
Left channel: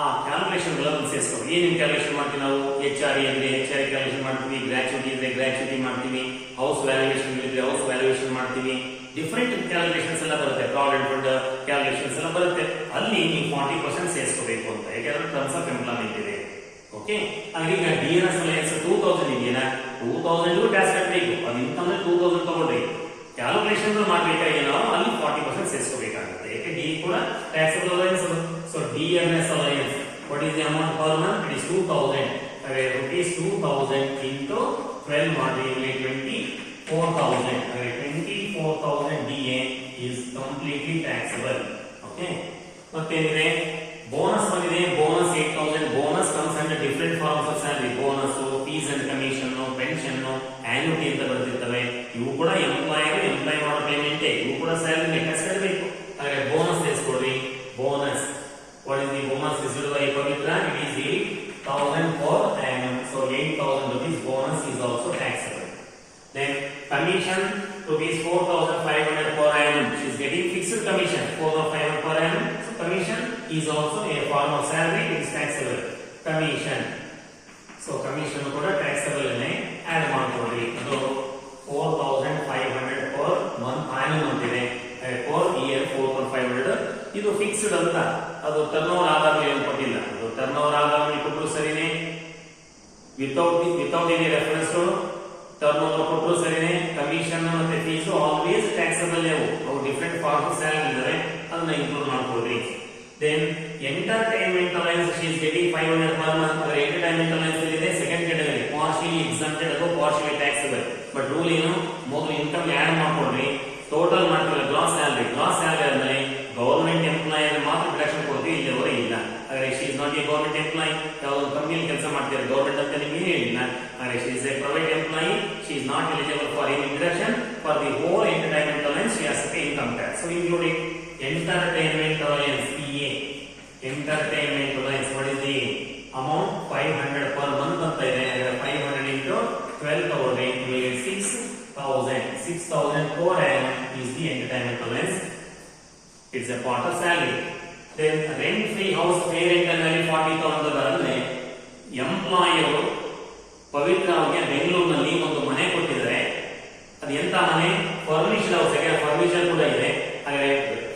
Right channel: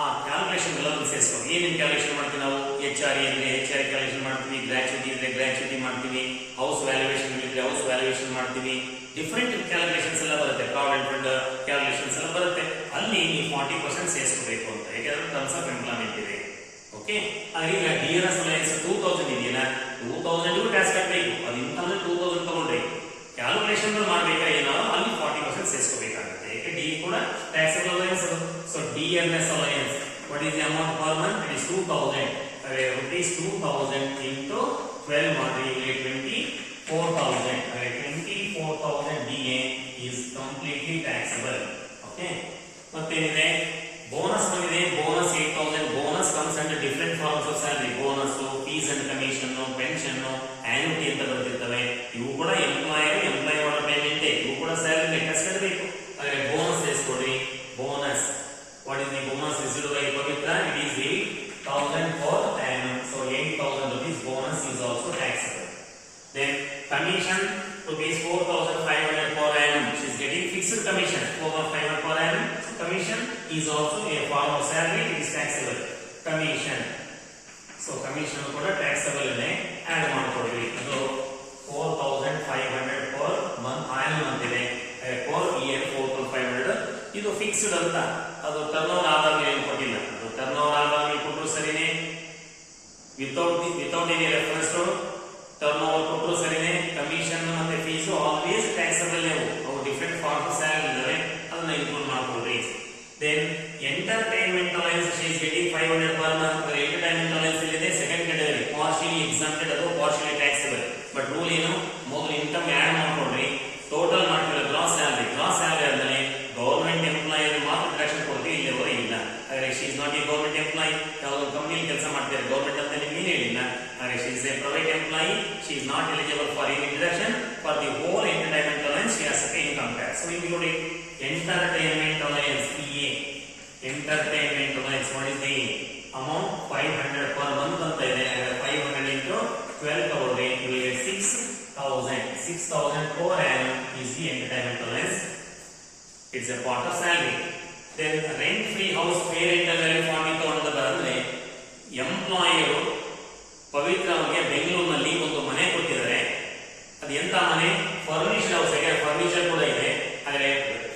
ಆ ಕ್ಯಾಲ್ಕುಲೇಷನ್ ಗಳನ್ನು ಸೇರಿಸಬೇಕು. ಏನೇನು ಕ್ಯಾಲ್ಕುಲೇಷನ್ ಮಾಡ್ತೀವಿ ನಾವು, HRA ಇದ್ರೆ HRA ಕ್ಯಾಲ್ಕುಲೇಷನ್ ಮಾಡ್ತೀವಿ, ಗ್ರಾಚ್ಯುಟಿ ಇದ್ರೆ ಗ್ರಾಚ್ಯುಟಿ ಮಾಡ್ತೀವಿ, ಹೌಸ್ ವ್ಯಾಲ್ಯೂಯೇಷನ್ ಇದ್ರೆ ಹೌಸ್ ವ್ಯಾಲ್ಯೂಯೇಷನ್ ಮಾಡ್ತೀವಿ. ಡಿಫರೆಂಟ್ ಕ್ಯಾಲ್ಕುಲೇಷನ್ಸ್ ಎಲ್ಲ ಬರುತ್ತೆ, ಪ್ರಾವಿಡೆಂಟ್ ಫಂಡ್ ಕ್ಯಾಲ್ಕುಲೇಷನ್ಸ್ ಎಲ್ಲ ಬರುತ್ತೆ. ಅಲ್ಲಿ ನೀವು 40% ಸೇರಿಸಬೇಕು ಅಂತ, ಯಾಕಂದ್ರೆ ಟರ್ಮ್ಸ್ ಆಫ್ ಎಂಪ್ಲಾಯ್ಮೆಂಟ್ ಇದೆ. ಓಕೆ, ಹಾಗೆ DMS ಅಲೈನ್ಸ್ 2,000 ಇದೆಯಲ್ಲ, 2,000 ಟ್ಯಾಕ್ಸ್ ಕಟ್ಟಬೇಕು. ಅದು ಇನ್ಕಮ್ 2,000 ತಗೊಂಡ್ರೆ ಕ್ಯಾಲ್ಕುಲೇಷನ್ ಮಾಡ್ಬೇಕಾಗಿಲ್ಲ, ಅಲ್ಲಿ 40% ಸೇರಿಸಬೇಕಾಗುತ್ತೆ. ಯಾಕೆ ಡಿ ಕೂಡ taxable allowance. So DMS allowance, what is the amount per month? It is 2,000. rupees 2,000 into 12 ಮಾಡಿ 24,000. 24,000 DA is completely taxable. Okay, ಮತ್ತೇನಿದೆ, ಬೋನಸ್ ಬಂದಿದೆ. Bonus 8,000. Bonus comes under different forms of salary. Bonus, fees and commission, pension, annuity ಅಂತ ಬರ್ತಿರ್ತವೆ. ಇವು ಕೂಡ employee ಮಾಡೋ payment, ಇವು ಕೂಡ ಸ್ಯಾಲರಿ ಟ್ಯಾಕ್ಸ್ ಕಟ್ಟಬೇಕು. ಹಾಗೆ ಬೋನಸ್ ಸೇರಿಸ್ಕೊಡ್ರಿ. Bonus, what is the bonus received by Pavitra? It is 8,000 per annum. So 8,000 rupees bonus is also taxable. Then commission rupees 4,500 per annum. She is getting fixed commission 4,500 per annum. So commission is also a form of salary. It is taxable. Commission. So commission ಕೂಡ taxable ನೇ add ಮಾಡ್ಕೊಳ್ಳಿ. ಅದು 4,500 per month annum ಅಂತಿದೆ. per year 4,500. ಇದು fixed ಅಂತ, ಅದು turn over ಆಧಾರ ಮೇಲೆ ಕೊಟ್ಟಿಲ್ಲ. ಅದು ಟರ್ನ್ ಓವರ್ ಆಧಾರ ಮೇಲೆ ಕೊಟ್ಟರು ಸರಿನೇ, without any reference to turnover ಕೊಟ್ಟರು ಸರಿನೇ. ಕಮಿಷನ್ ಮತ್ತೆ ಫೀಸ್ ಆಲ್ವೇಸ್ ಟ್ಯಾಕ್ಸಬಲ್. ಅವು ಡಿಫರೆಂಟ್ ಫಾರ್ಮ್ಸ್ ಸ್ಯಾಲರಿ ಇದಾವೆ, ಅದನ್ನ ಇನ್ಕ್ಲೂಡ್ ಮಾಡ್ಕೊಡ್ರಿ. Then entertainment allowance, she is getting 500 per month. Entertainment allowance ಇದೆ ಸೆಕೆಂಡ್ ಕ್ಯಾಟಗರಿ, ಪಾರ್ಷಿಯಲಿ ಎಕ್ಸಂಪ್ಟೆಡ್, ಅದು ಪಾರ್ಷಿಯಲಿ ಟ್ಯಾಕ್ಸಬಲ್. ಬಟ್ ರೂಲ್ ಏನು, ಮೊದಲು ಇನ್ಕಮ್ ಆಡ್ ಮಾಡ್ಕೊಡ್ರಿ, ಟೋಟಲ್ ಮಾಡ್ತೀವಿ ಗ್ರಾಸ್ ಸ್ಯಾಲರಿ. ಗ್ರಾಸ್ ಸ್ಯಾಲರಿ ಅಂದ್ರೆ ಗವರ್ಮೆಂಟ್ ಎಂಪ್ಲಾಯ್ ಮಾತ್ರ ಡಿಡಕ್ಷನ್ ಕೊಡ್ತೀವಿ, ಇಲ್ಲಿವರೆಗೆ ಇಲ್ಲ. ಹಾಗಾದ್ರೆ she is not A government employee. ಯಾವುದೋ ಕಂಪನಿ ಕೆಲಸ ಮಾಡ್ತಾರೆ, ಗವರ್ಮೆಂಟ್ ಅಂತ ನಿಮ್ಗೆ ಇಲ್ಲ. ಹಾಗೆ she is a private employee, she is not eligible for any deduction for the whole entertainment allowance. She has to pay income tax. So including entertainment allowance, EA. Entertainment allowance, what is the amount 500 per month ಅಂತ ಇದೆ. 500 into 12 ತಗೊಳ್ಳಿ, you will get 6,000. 6,000 per annum is the entertainment allowance. It's a part of salary. Then rent free house pay rent ಅಲ್ಲಿ 40,000 ಬರಂದ್ರೆ employer ಪವಿತ್ರ ಅವರಿಗೆ ಬೆಂಗಳೂರಿನಲ್ಲಿ ಒಂದು ಮನೆ ಕೊಟ್ಟಿದ್ದಾರೆ. ಅದು ಎಂತ ಮನೆ? Furnished house. ಫರ್ನಿಚರ್ ಕೂಡ ಇದೆ. ಹಾಗೆ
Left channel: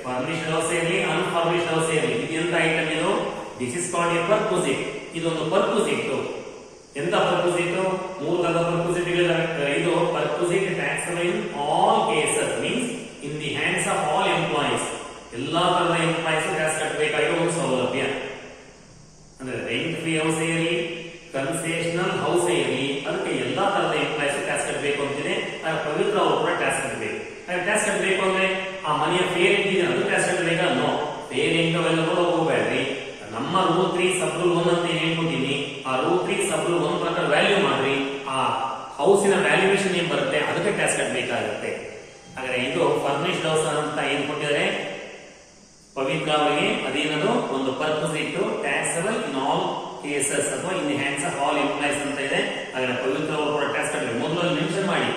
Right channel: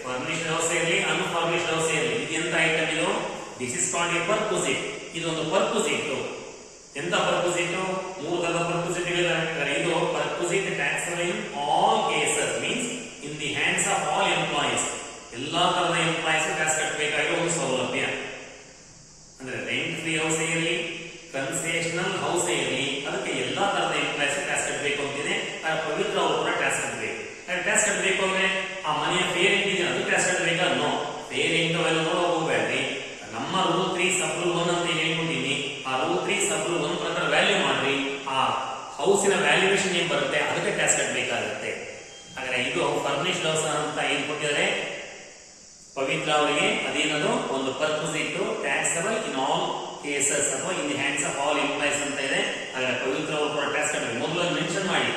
ಫರ್ನಿಶ್ಡ್ ಹೌಸ್ ಇರಲಿ, ಅನ್ಫರ್ನಿಶ್ಡ್ ಹೌಸ್ ಇರಲಿ, ಇದು ಎಂತ ಐಟಮ್ ಇದು? This is called A ಪರ್ಕ್ವಿಸಿಟ್. ಇದೊಂದು ಪರ್ಕ್ವಿಸಿಟ್. ಎಂತ ಪರ್ಕ್ವಿಸಿಟ್? ಮೂರು ತರದ ಪರ್ಕ್ವಿಸಿಟ್ ಹೇಳಿದ್ದಾರೆ. ಇದು ಪರ್ಕ್ವಿಸಿಟ್ taxable in all cases, means in the hands of all employees. ಎಲ್ಲಾ ತರದ ಎಂಪ್ಲಾಯೀಸ್ ಟ್ಯಾಕ್ಸ್ ಕಟ್ಟಬೇಕಾಗಿರೋ ಒಂದು ಸೌಲಭ್ಯ. ಅಂದ್ರೆ ರೆಂಟ್ ಫ್ರೀ ಹೌಸ್ ಇರಲಿ, ಕನ್ಸೆಷನಲ್ ಹೌಸ್ ಇರಲಿ, ಅದಕ್ಕೆ ಎಲ್ಲಾ ತರದ ಎಂಪ್ಲಾಯೀಸ್ ಟ್ಯಾಕ್ಸ್ ಕಟ್ಟಬೇಕು ಅಂತಿದೆ. ಪವಿತ್ರ ಅವರು ಕೂಡ ಟ್ಯಾಕ್ಸ್ ಕಟ್ಟಬೇಕು. ಟ್ಯಾಕ್ಸ್ ಕಟ್ಟಬೇಕು ಅಂದ್ರೆ ಆ ಮನೆಯ ಫೇರ್ ಇದೆ, ಅದು ಟ್ಯಾಕ್ಸ್ ಕಟ್ಟಬೇಕಾ? ನೋ. ಫೇರ್ ಹೆಂಗ್ ಅವೆಲ್ಲ ನೋಡೋಕೆ ಹೋಗ್ಬೇಡ್ರಿ. ನಮ್ಮ ರೂಲ್ 3 ಸಬ್ ರೂಲ್ 1 ಅಂತ ಹೇಳ್ಕೊಟ್ಟಿನಿ. ಆ ರೂಲ್ 3 ಸಬ್ ರೂಲ್ 1 ಪ್ರಕಾರ ವ್ಯಾಲ್ಯೂ ಮಾಡ್ರಿ. ಆ ಹೌಸಿನ ವ್ಯಾಲ್ಯೂಯೇಷನ್ ಏನ್ ಬರುತ್ತೆ ಅದಕ್ಕೆ ಟ್ಯಾಕ್ಸ್ ಕಟ್ಟಬೇಕಾಗುತ್ತೆ. ಹಾಗಾದ್ರೆ ಇದು ಫರ್ನಿಶ್ಡ್ ಹೌಸ್ ಅಂತ ಏನ್ ಕೊಟ್ಟಿದ್ದಾರೆ ಪವಿತ್ರ ಅವರಿಗೆ, ಅದೇನದು ಒಂದು perquisite taxable in all cases ಅಥವಾ in the hands of all employees ಅಂತ ಇದೆ. ಹಾಗಾದ್ರೆ ಪವಿತ್ರ ಅವರು ಕೂಡ ಟ್ಯಾಕ್ಸ್ ಕಟ್ಟಬೇಕು. ಮೊದಲು ಮೆನ್ಷನ್ ಮಾಡಿ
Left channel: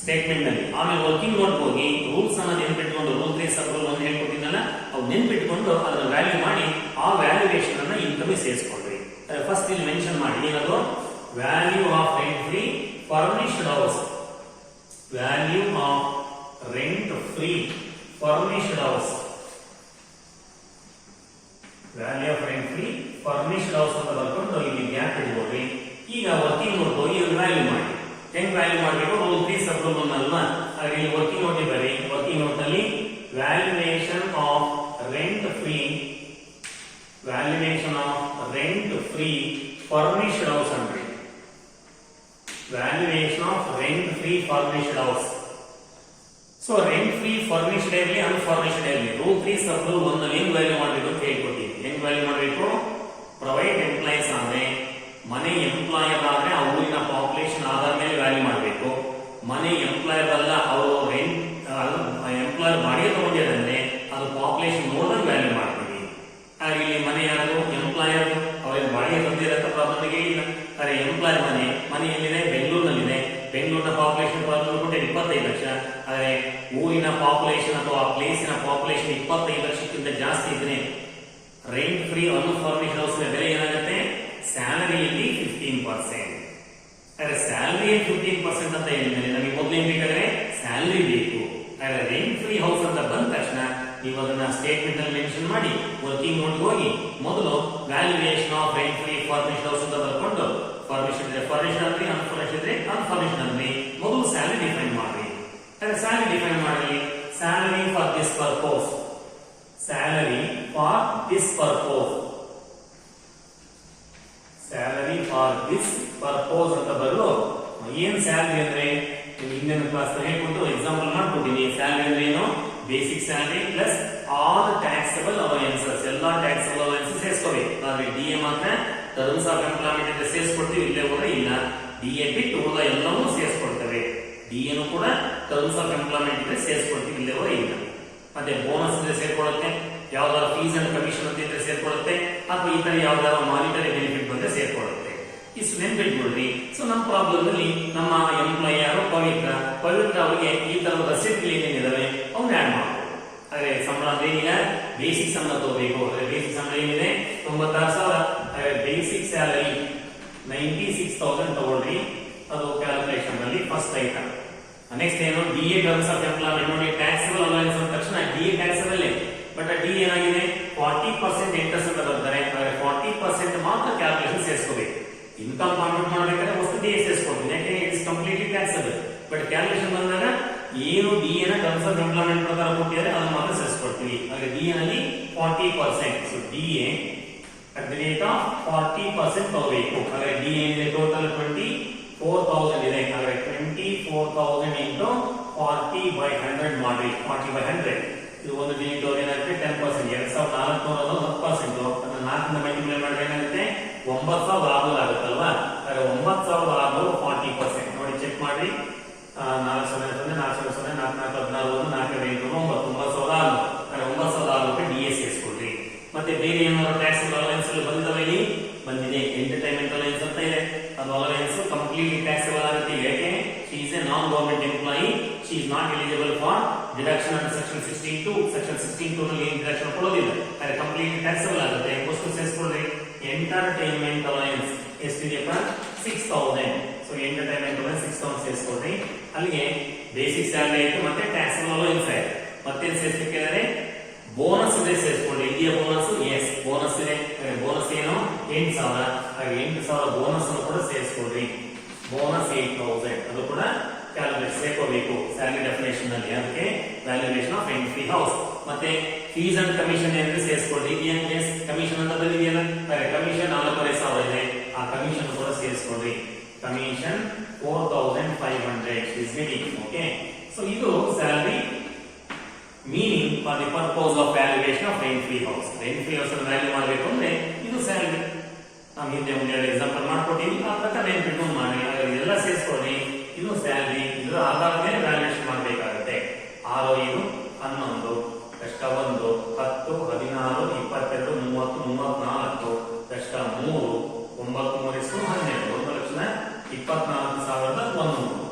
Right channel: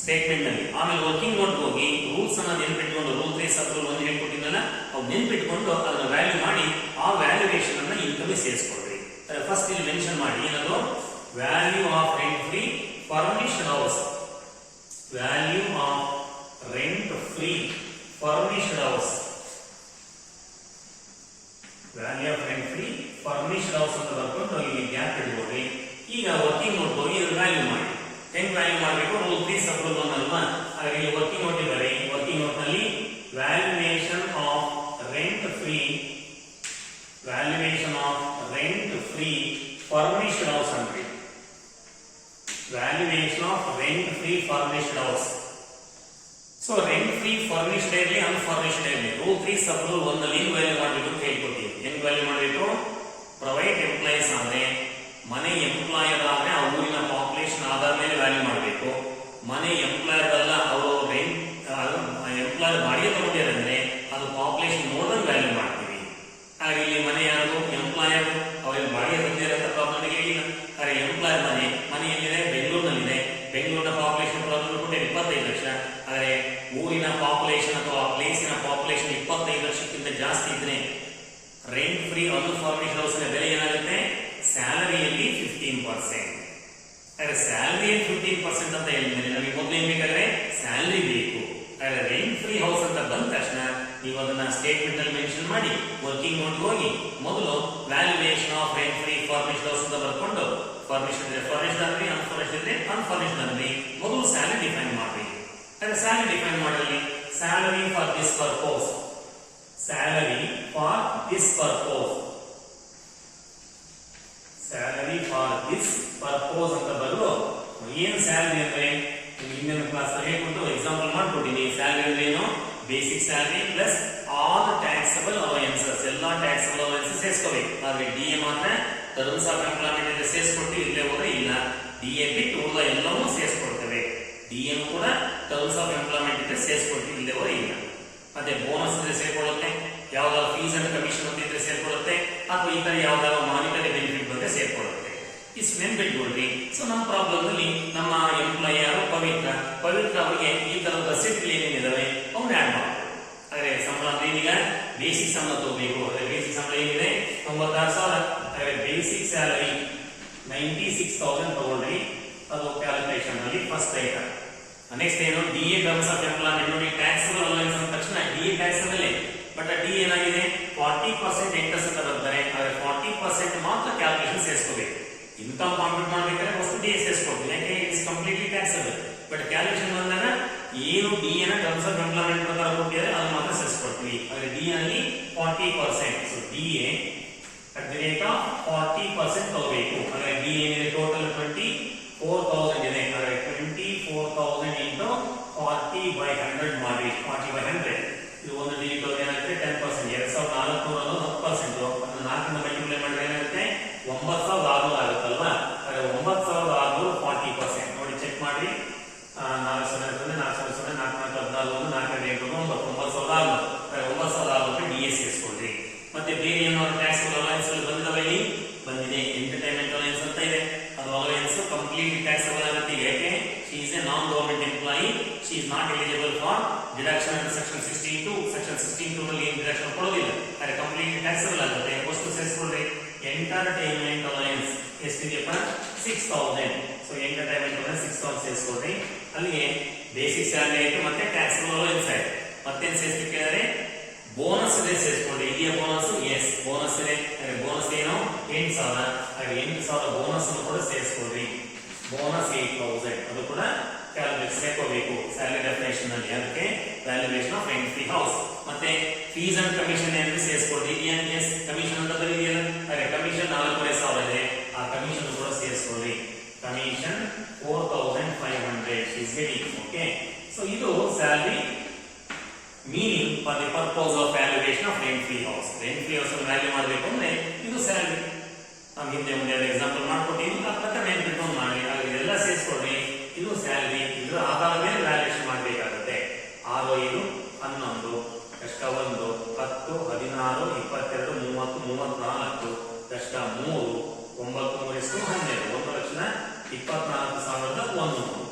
ಸ್ಟೇಟ್ಮೆಂಟ್ ನಲ್ಲಿ. ಆಮೇಲೆ ವರ್ಕಿಂಗ್ ನೋಟ್ ಹೋಗಿ ರೂಲ್ಸ್ ಅನ್ನ ನೆನ್ಪಿಟ್ಕೊಂಡು, ರೂಲ್ 3 ಸಬ್ ರೂಲ್ 1 ಹೇಳ್ಕೊಟ್ಟಿದ್ದಲ್ಲ ಅವು ನೆನ್ಪಿಟ್ಕೊಂಡು ಅದನ್ನ ವ್ಯಾಲ್ಯೂ ಮಾಡಿ ಆ ವ್ಯಾಲ್ಯೂಯೇಷನ್ ಅನ್ನ ಇನ್ಕಮ್ ಸೇರಿಸ್ಕೊಳ್ರಿ. ಫಸ್ಟ್ ಇಲ್ಲಿ ಮೆನ್ಷನ್ ಮಾಡಿ ಏನದು? Value of rent free furnished house. Value of rent free furnished house. Value of rent free furnished house ಅಂತ ಬರ್ಕೊಂಡು ಇಲ್ಲಿ ಗ್ಯಾಪ್ ಇಟ್ಕೊಳ್ರಿ. ಈಗ ವರ್ಕಿಂಗ್ ನೋಟ್ ಹೋಗಿ ವ್ಯಾಲ್ಯೂ ಮಾಡಿ. ಹೆಂಗ್ ವ್ಯಾಲ್ಯೂ ಮಾಡಬೇಕು? ರೂಲ್ 3 ಸಬ್ ರೂಲ್ 1 ಅಲ್ವಾ? ಹಾಗೆ ಇಲ್ಲಿ ವರ್ಕಿಂಗ್ ನೋಟ್ ಬರೀ. ವರ್ಕಿಂಗ್ ನೋಟ್ ನಲ್ಲಿ valuation of rent free, valuation of rent free furnished house ಅಂದ್ರಿ. Valuation of rent free furnished house. So rent free furnished ಇರಲಿ, ಅನ್ಫರ್ನಿಶ್ಡ್ ಇರಲಿ, ರೂಲ್ 3 ಸಬ್ ರೂಲ್ 1 ನಲ್ಲಿ ಏನ್ ವ್ಯಾಲ್ಯೂ ಮಾಡಬೇಕು ಅಂತ ಹೇಳ್ಕೊಡ್ತೀವಿ. ಹೆಂಗ್ ವ್ಯಾಲ್ಯೂ ಮಾಡಬೇಕು? ಪ್ರೈವೇಟ್ ಎಂಪ್ಲಾಯೀಸ್ ಆದ್ರೆ, ಮನೆ ಎಂಪ್ಲಾಯರ್ ಆದ್ರೆ ಆ ಊರಿನ ಪಾಪ್ಯುಲೇಷನ್ ಆಧಾರ ಮೇಲೆ ವ್ಯಾಲ್ಯೂ ಮಾಡಬೇಕು. ಮನೆ ಎಂಪ್ಲಾಯರ್ ಅಲ್ಲ, ಅವರು ರೆಂಟ್ ಎಂಪ್ಲಾಯರ್ ಬಾಡಿಗೆ ತಗೊಂಡಿದ್ದಾರೆ ಅದು ಪಾಪ್ಯುಲೇಷನ್ ನೋಡಿದ್ರೆ ವ್ಯಾಲ್ಯೂ ಮಾಡ್ತೀವಿ. ಹಾಗೆ ಇಲ್ಲಿ ಮನೆ ಯಾರು? ಎಂಪ್ಲಾಯರ್. ಅವ್ರಿಗೆ ಬಾಡಿಗೆ ತಂದಿರತ್ತ ಪ್ರಾಬ್ಲಮ್ ಹೇಳಿಲ್ಲ. ಹಾಗೆ ಎಂಪ್ಲಾಯರ್ ಮನೆ ಎಲ್ಲಿದೆ? ಬೆಂಗಳೂರಿನಲ್ಲಿದೆ. ಬೆಂಗಳೂರಿನ ಪಾಪ್ಯುಲೇಷನ್ ಪ್ರಾಬ್ಲಮ್ ಕೊಟ್ಟರೆ 25 ಲಕ್ಷ. ಆದರೆ ಊರಿನ ಪಾಪ್ಯುಲೇಷನ್ ಅಥವಾ ಪ್ಲೇಸಿನ ಪಾಪ್ಯುಲೇಷನ್ 25 ಲಕ್ಷಕ್ಕಿಂತ ಜಾಸ್ತಿ ಇದ್ರೆ ರೆಂಟ್ ಫ್ರೀ ಅನ್ಫರ್ನಿಶ್ಡ್ ಹೌಸ್ ಬೆಲೆ ಏನಾಗುತ್ತೆ? ಸ್ಯಾಲರಿಯಲ್ಲಿ 15%. ಹಾಗಾದ್ರೆ ಸ್ಯಾಲರಿಯಲ್ಲಿ 15% ಅಂತ ಹೇಳಿದ್ರೆ ನಮಗೆ ಮೊದಲು ಏನ್ ಬೇಕಾದ್ರೆ ಸ್ಯಾಲರಿ ಬೇಕು. ಹಾಗಾದ್ರೆ ರೆಂಟ್ ಫ್ರೀ ಹೌಸ್ ಅಂತ ಬಂದ ತಕ್ಷಣ ನೀವು ಅದನ್ನ ಸ್ಟೇಟ್ಮೆಂಟ್ ಅಲ್ಲಿ ಮೆನ್ಷನ್ ಮಾಡಿ ವರ್ಕಿಂಗ್ ನೋಟ್ ಹೋಗಿ ಮೊದಲು valuation of rent free furnished house ಅಂತ ಬರ್ಕೊಂಡು ಫರ್ನಿಶ್ಡ್ ಅಂದ್ರೆ ಫರ್ನಿಶ್ಡ್ ಅಂದ್ರೆ ಅನ್ಫರ್ನಿಶ್ಡ್ ಅಂದ್ರೆ ಅನ್ಫರ್ನಿಶ್ಡ್ ಅಂದ್ರೆ ಮೊದಲು ಸ್ಯಾಲರಿ ಡಿಫೈನ್ ಮಾಡಿ. ಸ್ಯಾಲರಿ ಡಿಫೈನ್ ಮಾಡಲಿ. Salary for this purpose. Salary for this purpose. Salary for this purpose ಅಂತ ಬರಲು ಏನ್ ಸ್ಯಾಲರಿ ಅಂದ್ರೆ ಇಂಡಿಯನ್ ಕ್ಲಾಸ್ ಹೇಳ್ಬಿಟ್ಟು ಎಕ್ಸಾಂಪಲ್ ಮಾಡ್ಕೊಟ್ಟಿನಿ. ಸ್ಯಾಲರಿ ಅಂದ್ರೆ ಏನು? Basic salary plus all taxable allowances. ಎಲ್ಲಾ ಟ್ಯಾಕ್ಸಬಲ್ ಅಲವೆನ್ಸಸ್ ಸೇರಿಸ್ಕೋಬೇಕು. ಆದ್ರೆ ಡಿಎ ಮಾತ್ರ ಟರ್ಮ್ಸ್ ಆಫ್ ಎಂಪ್ಲಾಯ್ಮೆಂಟ್ ಇಂದ ಸೇರಿಸ್ಕೊಡ್ತೀವಿ, ಇಲ್ಲೇ ಹೋದ್ರೆ ಇಲ್ಲ. ಡಿಎ ಬಿಟ್ಟು ಉಳಿದ ಎಲ್ಲವೂ ಸೇರಿಸ್ಕೊಡ್ತೇವೆ. ಡಿಎನು ಕೂಡ ಟರ್ಮ್ಸ್ ಆಫ್ ಎಂಪ್ಲಾಯ್ಮೆಂಟ್ ಇಂದ ಸೇರಿಸ್ಕೊಡ್ತೀವಿ, ಇಲ್ಲೇ ಹೋದ್ರೆ ಇಲ್ಲ. ಮತ್ತೆ ಬೋನಸ್ ಅಂದ್ರೆ ಸೇರ್ಕೊಳ್ಳುತ್ತೆ, ಯಾವ್ದಾದ್ರು ಫೀಸ್ ಅಂಡ್ ಕಮಿಷನ್ ಅಂತ ಸೇರ್ಕೊಳ್ಳುತ್ತೆ, ಅಥವಾ ಈ ತರ ಯಾವ್ದಾದ್ರು ಮಾನಿಟರಿ ಬೆನಿಫಿಟ್ ಬಂದ್ರೆ ಸೇರ್ಕೊಳ್ಳುತ್ತೆ. ಇಷ್ಟು ನೆನ್ಪಿಟ್ಕೊಳ್ರಿ. ಸೊ ನಮ್ಮ ಪ್ರಾಬ್ಲಮ್ ಅಲ್ಲಿ ನಮ್ಮ ಎಂಪ್ಲಾಯ್ ಯಾರು? ಪವಿತ್ರ ಅವರಿಗೆ ಈ ತರದ ರಸೀಟ್ಗಳು ಏನೇನಿದಾವೆ ಅವ್ನು ಆಡ್ ಮಾಡ್ಬೋದು. ಹಾಗೆ ಸಂಬಳ ಅಂದ್ರೆ ಈಗ ಬೇಸಿಕ್ ಸಂಬಳ ತಗೋಬೇಕು. ಬೇಸಿಕ್ ಸಂಬಳ ಏನಿದೆ? 96,000. ಹಾಗೆ ಬೇಸಿಕ್ ಸ್ಯಾಲರಿ 96,000 ತಗೊಳ್ರಿ. ಅದು ಕ್ಯಾಲ್ಕುಲೇಷನ್ ಅಲ್ಲಿ ಫಸ್ಟ್ ಐಟಮ್. ನೆಕ್ಸ್ಟ್ ಏನು? DA terms of employment. ನೋಡಿ ಟ್ಯಾಕ್ಸಬಲ್ ಅಲವೆನ್ಸ್ ಅಂದ ತಕ್ಷಣ ಡಿಎ ಟ್ಯಾಕ್ಸಬಲ್, ಬಟ್ ಡಿ ಏನಾಗಿದೆ? 40% ಇಂಟ್ರೆಸ್ಟ್ ಅಂತ ಬರ್ತಾರೆ. ಹಾಗೆ 40% ಮಾತ್ರ ಕ್ಯಾಲ್ಕುಲೇಷನ್ ಸೇರಿಸ್ಕೋಬೇಕು. ಇನ್ಕಮ್ ಕಾಂಪ್ಯೂಟ್ ಮಾಡಬೇಕಾದ್ರೆ ವಸ್ತು ಡಿ ಸೇರಿಸ್ಕೊಡ್ತೀವಿ, ಯಾಕೆ it's completely taxable. But calculation ಬಂದಾಗ ಏನು ಡಿ ನ ಟರ್ಮ್ಸ್ ಆಫ್ ಎಂಪ್ಲಾಯ್ಮೆಂಟ್ ಪ್ರಕಾರ ಕೊಟ್ಟಿದ್ದಾರೆ ಅದು ಮಾತ್ರ ಸೇರಿಸ್ಕೊಡ್ತೀವಿ. ಹಾಗೆ ಡಿ ನಲ್ಲಿ 40%. So D at the rate of 40% ತಗೋಬೇಕು. ಹಾಗೆ ಡಿ ಏನಿದೆ? ಟೋಟಲ್ 24,000 ಇದೆ. ಹಾಗೆ 24,000 ಇಂಟು 40/100 ಮಾಡಿ. 40/100 ಇದು ಒಂದು ಡಿಜಿಟ್ ಏನಾಗುತ್ತೆ? 10%. 2,400 10%. ಅದನ್ನ 4 ಮಲ್ಟಿಪ್ಲೈ ಮಾಡಿದ್ರೆ ಏನಾಗುತ್ತೆ? 9,600 ಆಗುತ್ತಲ್ವಾ? 9,600 40%. ನೋಡಿ ಚೆಕ್ ಮಾಡಿ. 4,000 4,000 4,400 9,600 9,600 ಡಿಎಸ್ ಸೇರಿಸ್ಕೊಳ್ರಿ. ಮತ್ತೆ ಬೇರೆ ಏನಾದ್ರು ಟ್ಯಾಕ್ಸ್ ಅಲವೆನ್ಸ್ ಬಂದಿದಾವೆ ಇಲ್ಲಿ? ಬಂದಿದೆ. ಇದೆ. ಎಂಟರ್ಟೈನ್ಮೆಂಟ್ ಅಲವೆನ್ಸ್ ಅಂತ ಇದೆ. ಅದು ಅಲವೆನ್ಸ್ ಕಂಪ್ಲೀಟ್ ಟ್ಯಾಕ್ಸಬಲ್ ಆಗುತ್ತೆ. ಯಾಕೆ? She is A non government employee, she is not eligible for deduction under section 16(2). Section 16(2) ನಲ್ಲಿ ಏನು ಡಿಡಕ್ಷನ್ ಕೊಡೋದಿಲ್ಲ, ಆದರೆ ಕಂಪ್ಲೀಟ್ ಟ್ಯಾಕ್ಸಬಲ್ ಆಗುತ್ತೆ. ಎಷ್ಟು ಸೇರಿಸ್ಕೊಳ್ಳಿ? ಎಂಟರ್ಟೈನ್ಮೆಂಟ್ ಅಲವೆನ್ಸ್ ಎಷ್ಟಿದೆಯಪ್ಪ? 6000. ಸೊ ಎಂಟರ್ಟೈನ್ಮೆಂಟ್ ಅಲವೆನ್ಸ್ 6000 ಸೇರಿಸ್ಕೊಳ್ಳಿ. ಅಲ್ಲಿಗೆ ಬೇಸಿಕ್ ಸ್ಯಾಲರಿ ಆಯಿತು, ಮತ್ತೆ ಟ್ಯಾಕ್ಸಬಲ್ ಅಲವೆನ್ಸ್ ಆಯಿತು. ಮತ್ತೆ ಸೇರಿಸಲಿಕ್ಕೆ ಬೋನಸ್ ಇದೆ ಸೇರಿಸ್ಕೊಳ್ಳಿ. ಇಲ್ಲಿಯ ಬೋನಸ್ ಎಸ್ ಬೋನಸ್ ಇದೆ. ಬೋನಸ್ ಏನು? 8000. ಹಾಗೆ 8000 ಬೋನಸ್ ಅನ್ನು ಕೂಡ ಸೇರಿಸ್ಕೊಳ್ಳಿ. ಬೋನಸ್ 8000 ಅದು ಕೂಡ ಕ್ಯಾಲ್ಕುಲೇಟ್ ಸೇರ್ಕೋಬೇಕು ಸ್ಯಾಲರಿ ಡೆಫಿನೇಷನ್ ನಲ್ಲಿ. ಅದಕ್ಕೆ valuation of rent free house. ಮತ್ತೆ ಫೀಸ್ ಅಂಡ್ ಕಮಿಷನ್ ಏನಿದೆ ಸೇರಿಸ್ಕೊಳ್ಳಿ. ಎಸ್ ಕಮಿಷನ್ ಅಂತ ಬರೀದಿಯಲ್ಲ, ಕಮಿಷನ್ 4500 ಇದೆ, ಆ ಕಮಿಷನ್ ಕೂಡ ಸೇರಿಸ್ಕೊಳ್ಳಿ. Commission 4500 is getting. Okay, so ಇದು salary meaning for the purpose of valuation of rent free house. Rent free house ಅನ್ನು value ಮಾಡಬೇಕು ಅಂದ್ರೆ ಇದು ಸ್ಯಾಲರಿ. ನಾವು ಹಿಂದೆ ಒಂದು ಎಕ್ಸಾಂಪಲ್ ಮಾಡ್ಕೊಟ್ಟಿವಿ, ಆ ಪ್ರಕಾರ ನೆನ್ಪಿಟ್ಟು ಮಾಡಿ. ಹಾಗಾಗಿ ಇದೆಲ್ಲ ಸೇರಿಸ್ಕೊಳ್ಳಿ. ಇದು ಸ್ಯಾಲರಿ, ಇದರ ಆಧಾರದ ಮೇಲೆ ವ್ಯಾಲ್ಯೂಯೇಷನ್ ಮಾಡಬೇಕಾಗುತ್ತೆ. 6, 5, 11, ಕಷ್ಟ 1, 10, 16, 22, 30, 34, ಕಷ್ಟ 3, 9, 3, 12,24,100.